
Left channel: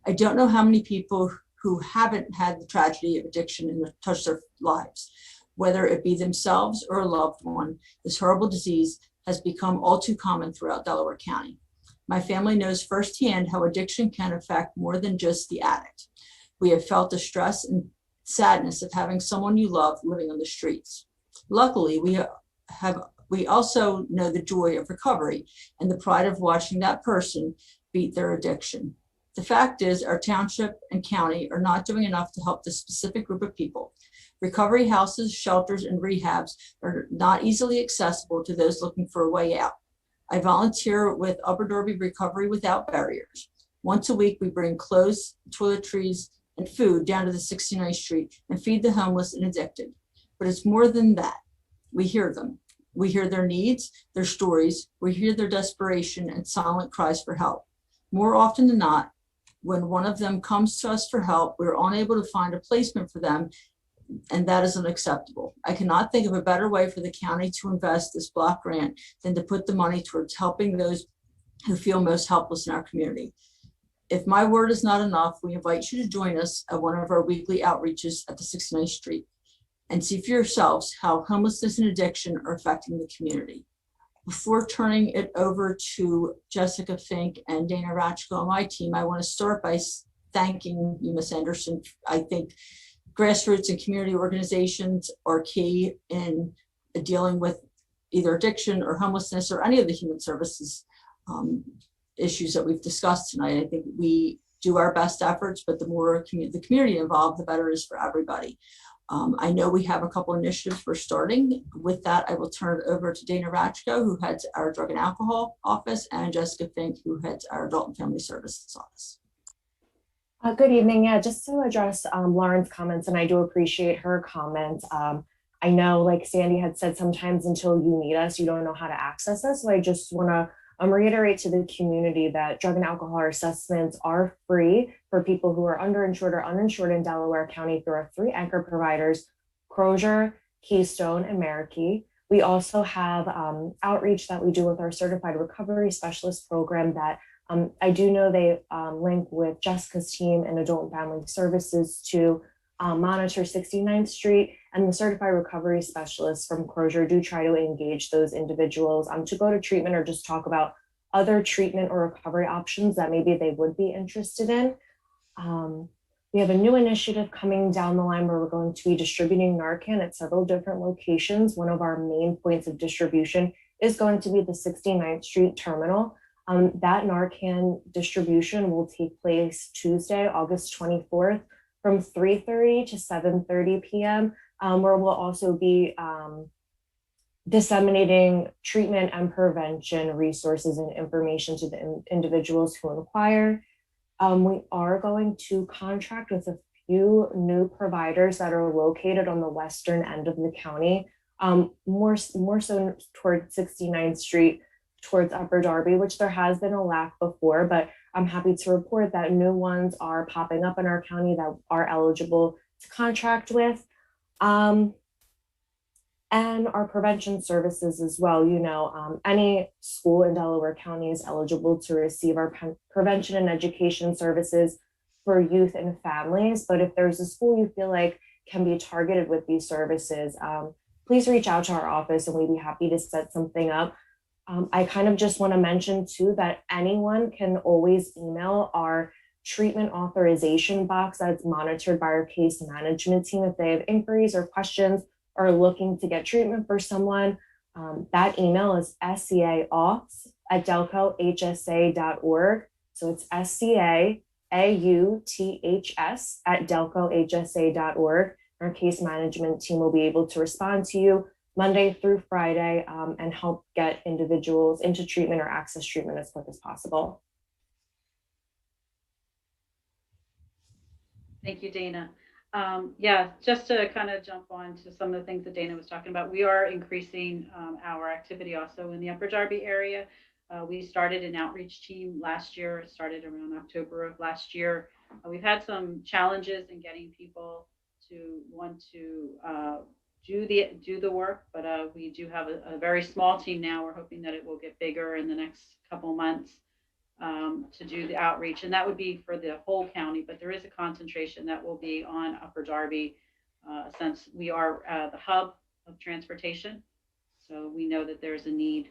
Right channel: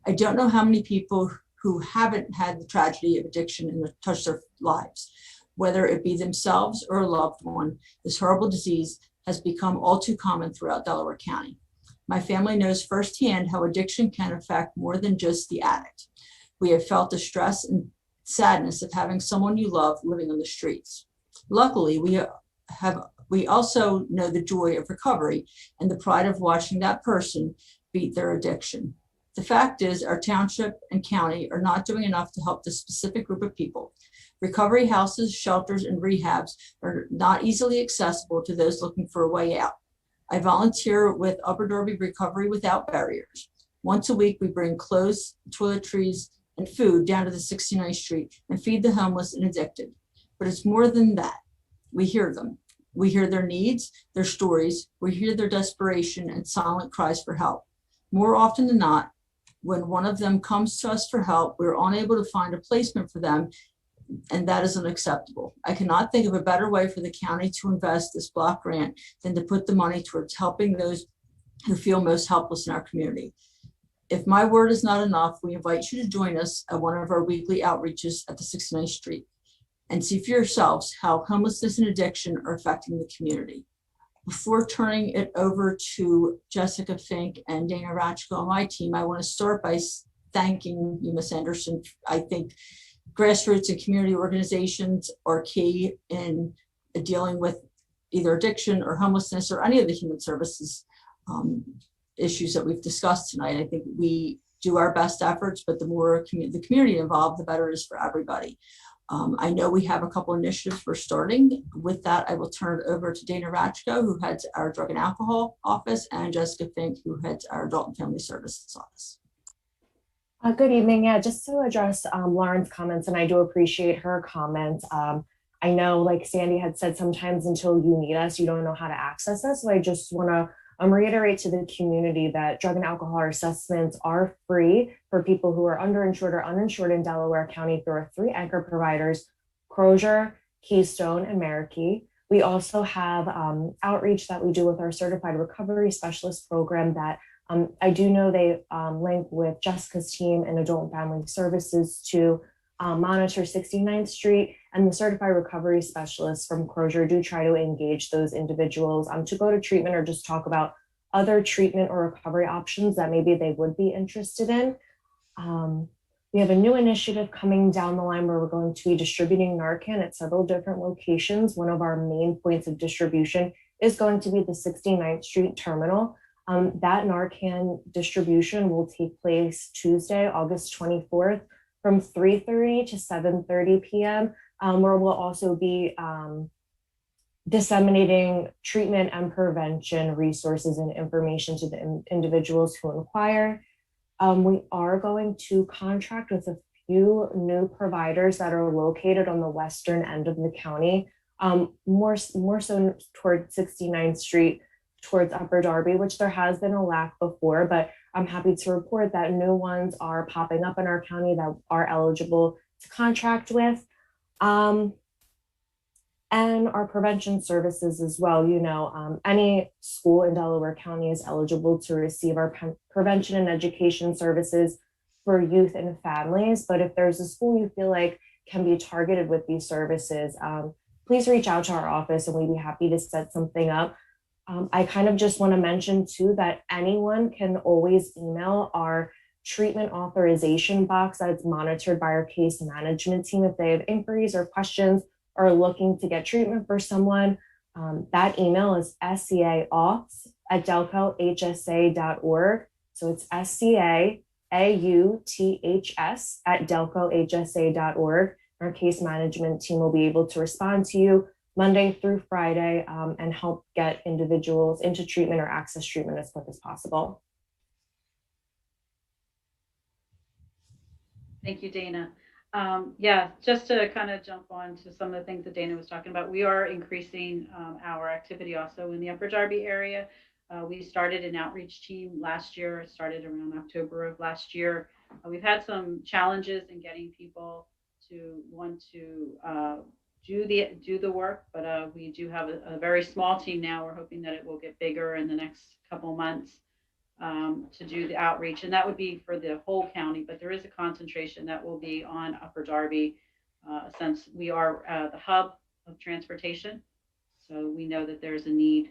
I don't know how many people who haven't had the tragedy of addiction touch their lives, whether it be themselves or a loved one. This horrible disease has become all too common throughout Delaware County. My family knows firsthand how addiction can affect more than just the addict. We have felt the stress and sadness of having someone you love living on the streets. Luckily, we We also know the joy of recovery and the pride of watching that person beat their addiction. The fact is, our township and county are not doing enough to help this specific group of people. Recovery houses, shelters, and rehabs are not easily accessible to those looking for a way out. I volunteer with Upper Darby Recovery Without Barriers. Once a week, we bring clothes, toiletries, and food down to the 69th Street and feed the homeless and addicted. But it's more than that. We hear them. We hear their needs, their stories. We hear their desperation and silent cries for help. More often than not, when one of them comes to us for help, we're unable to find a placement for them, and that is unacceptable. I cannot think of a better way for the county to invest this block grant than to put the money towards helping those who feel most helpless in our community. If my word is not enough, we invite you to join us at one of our weekly outreaches at the 69th Street and see for yourselves how homelessness and addiction are affecting the community. Before turning it over to Jessica Fink and Dana Ratchko on my team, I want to start by thanking you, Ms. Anderson. I think grassroots and community organizations are key in dealing with either addiction or homelessness or any of the human services issues that we've discussed tonight. I think we do our best efforts, but the more the community involved, the better it is for everybody. I know we have a couple initiatives we're starting. With that, I will turn it over to Dana Ratchko, who heads our Drug and Alcohol Office, and Jessica Fink, who heads our Adult and Family Services Office. Good evening. Yeah, just to address Lauren's comments, and I do appreciate her comments. I know, like Sandy had said, sometimes until you need us, you don't know how to access us. So I just want to reiterate to the community that drug and alcohol assessments are free for people who are underinsured or uninsured in Delaware County through our 3 anchor providers, Crozier, Keystone, and Marikey. We also have outreach that we do with our certified recovery specialist program that I do know they link with Jessica's team and Adult and Family Services to monitor 69th Street, and the certified recovery specialists from Crozier do try to engage those individuals to go to treatment or just talk about other treatment or recovery options that maybe they would be interested in. We have a new initiative coming down the line where we're going to be distributing Narcan at several different locations. One of our main points of distribution is going to be the 69th Street terminal. That Narcan distribution will take place Tuesday, August 24th from 3:30 to 7:30 p.m., where we'll also be disseminating treatment and prevention resources and information to the individuals who inquire. We are going to contract with a few new providers that are located on the western end of the county, more so towards 69th Street, towards Upper Darby, which there has been a lack before, but I'm happy to report that new ones are popping up in our county that are eligible to contract with. And our prevention services as well. You know, any school in Delaware County is eligible to receive our prevention and education services for youth and families. But if there's a school you feel like can be targeted with these services, please reach out to our office and we'd be happy to set something up. I kind of just want to mention too that anyone can always email our treatment authorization box that's monitored by our case management team if they have inquiries or questions or looking to get treatment for someone. That email is scaauths@delcohsa.org. So it's scaauths@delcohsa.org. Our case management team will be able to respond to you Monday through Friday and help get individuals into treatment or access treatment as quick as possible. Thank you, Dana. Yeah, just to kind of jump on to some of the things that Dana was talking about, we are increasing our activity also in the Upper Darby area. We started an outreach team last year. It started around October of last year. We've had some challenges in getting people to want to do the work, but we do have a very small team now. We're hoping that it will get bigger in the next couple months to do the outreach, and that would be for the whole county, but there is a concentration that will be on Upper Darby since we are the hub of transportation, so we know that there's a need.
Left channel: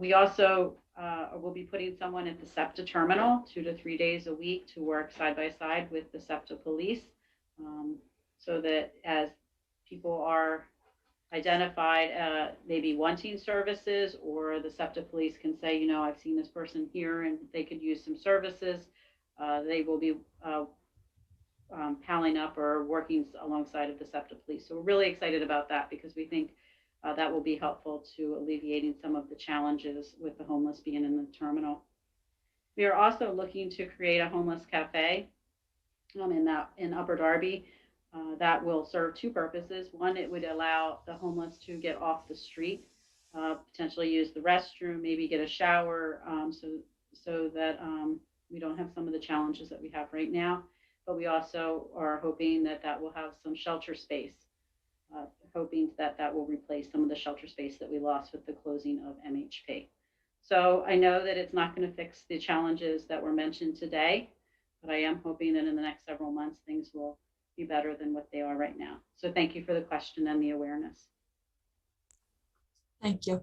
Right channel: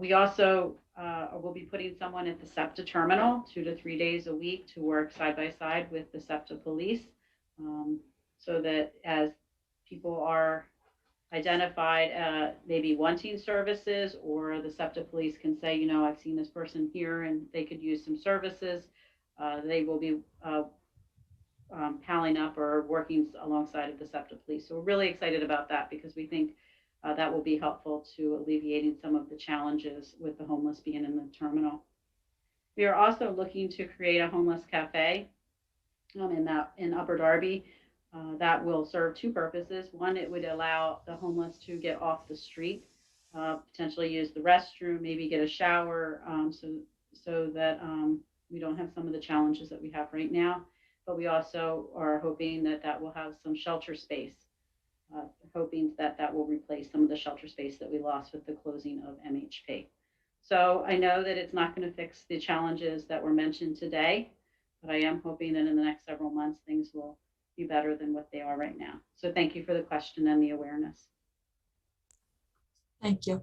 We also will be putting someone at the SEPTA terminal 2 to 3 days a week to work side by side with the SEPTA police, so that as people are identified maybe wanting services, or the SEPTA police can say, you know, I've seen this person here and they could use some services. They will be palling up or working alongside of the SEPTA police. So we're really excited about that because we think that will be helpful to alleviating some of the challenges with the homeless being in the terminal. We are also looking to create a homeless cafe in Upper Darby that will serve two purposes. One, it would allow the homeless to get off the street, potentially use the restroom, maybe get a shower, so that we don't have some of the challenges that we have right now. But we also are hoping that that will have some shelter space, hoping that that will replace some of the shelter space that we lost with the closing of MHP. So I know that it's not going to fix the challenges that were mentioned today, but I am hoping that in the next several months, things will be better than what they are right now. So thank you for the question and the awareness. Thank you.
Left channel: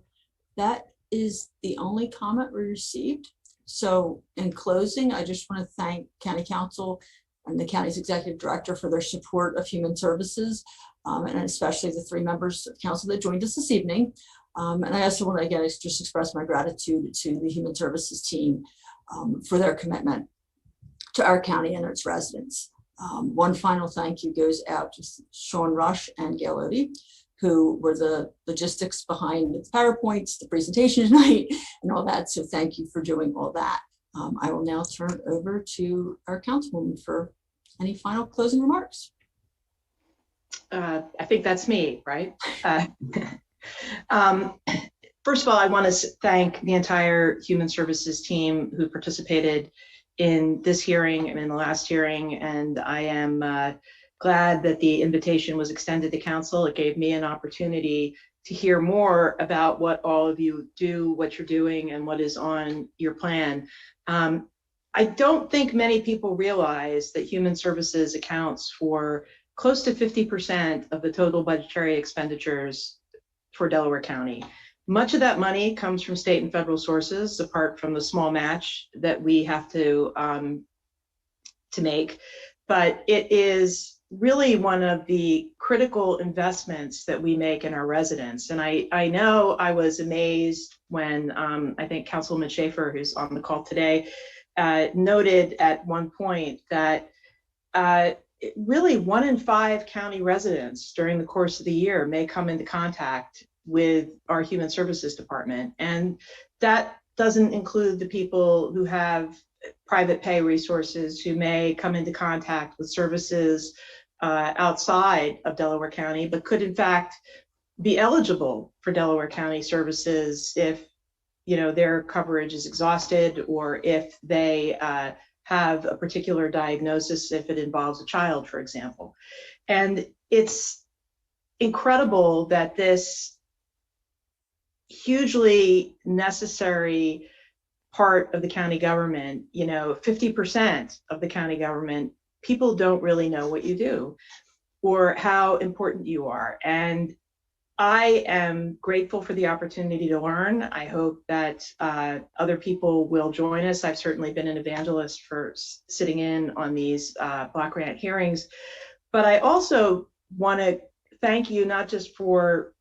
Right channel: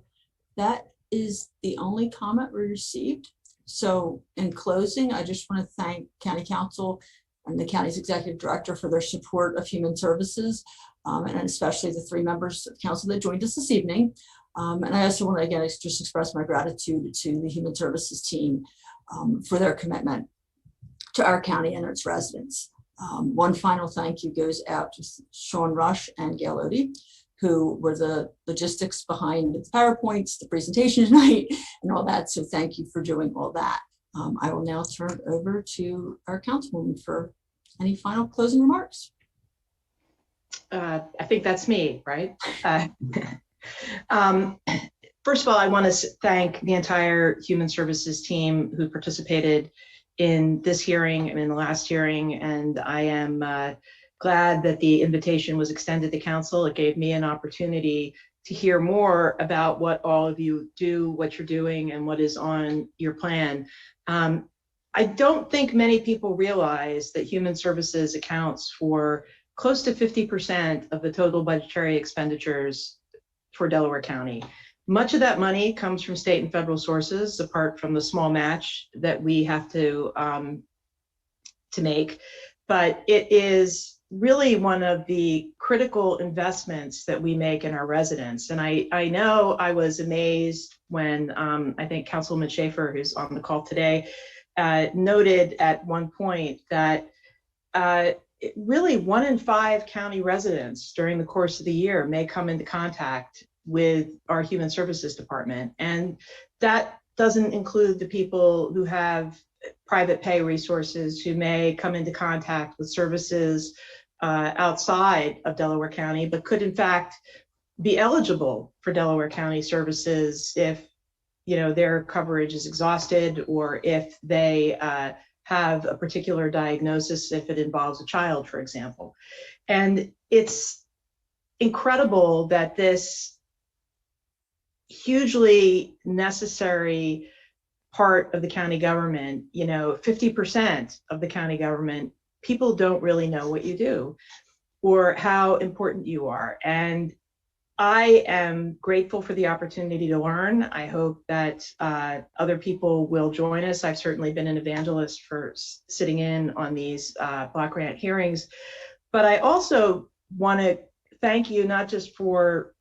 That is the only comment we received. So in closing, I just want to thank County Council and the county's executive director for their support of human services, and especially the 3 members of council that joined us this evening. And I also want to, again, just express my gratitude to the human services team for their commitment to our county and its residents. One final thank you goes out to Sean Rush and Gail Odie, who were the logistics behind the PowerPoints, the presentation tonight, and all that. So thank you for doing all that. I will now turn it over to our councilwoman for any final closing remarks. I think that's me, right? First of all, I want to thank the entire Human Services team who participated in this hearing and in the last hearing, and I am glad that the invitation was extended to council. It gave me an opportunity to hear more about what all of you do, what you're doing, and what is on your plan. I don't think many people realize that Human Services accounts for close to 50% of the total budgetary expenditures for Delaware County. Much of that money comes from state and federal sources, apart from the small match that we have to make. But it is really one of the critical investments that we make in our residents. And I know I was amazed when I think Councilwoman Schaefer, who's on the call today, noted at one point that really 1 in 5 county residents during the course of the year may come into contact with our Human Services Department. And that doesn't include the people who have private pay resources, who may come into contact with services outside of Delaware County, but could in fact be eligible for Delaware County services if, you know, their coverage is exhausted, or if they have a particular diagnosis, if it involves a child, for example. And it's incredible that this hugely necessary part of the county government, you know, 50% of the county government, people don't really know what you do or how important you are. And I am grateful for the opportunity to learn. I hope that other people will join us. I've certainly been an evangelist for sitting in on these block grant hearings, but I also want to thank you not just for,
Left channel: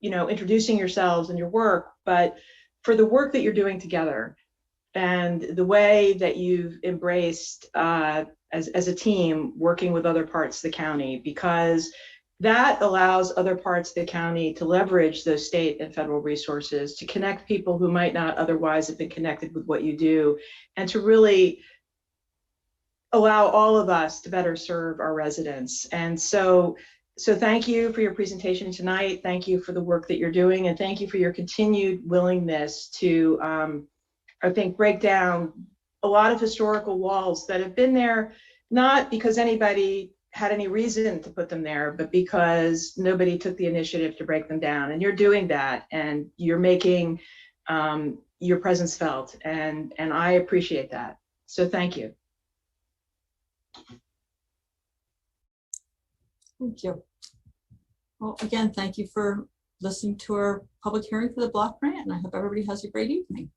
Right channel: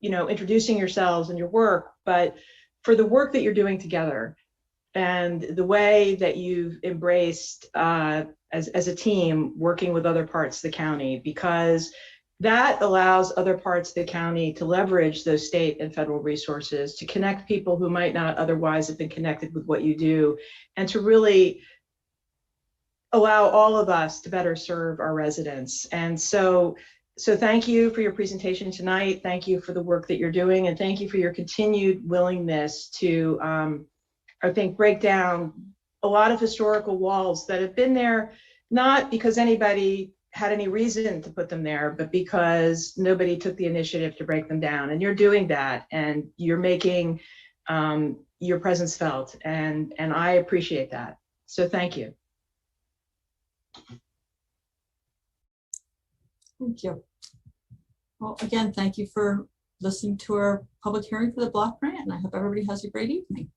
you know, introducing yourselves and your work, but for the work that you're doing together and the way that you've embraced as a team working with other parts of the county, because that allows other parts of the county to leverage those state and federal resources to connect people who might not otherwise have been connected with what you do, and to really allow all of us to better serve our residents. And so thank you for your presentation tonight. Thank you for the work that you're doing, and thank you for your continued willingness to, I think, break down a lot of historical walls that have been there, not because anybody had any reason to put them there, but because nobody took the initiative to break them down. And you're doing that, and you're making your presence felt, and I appreciate that. So thank you. Thank you. Well, again, thank you for listening to our public hearing for the block grant, and I hope everybody has a great evening.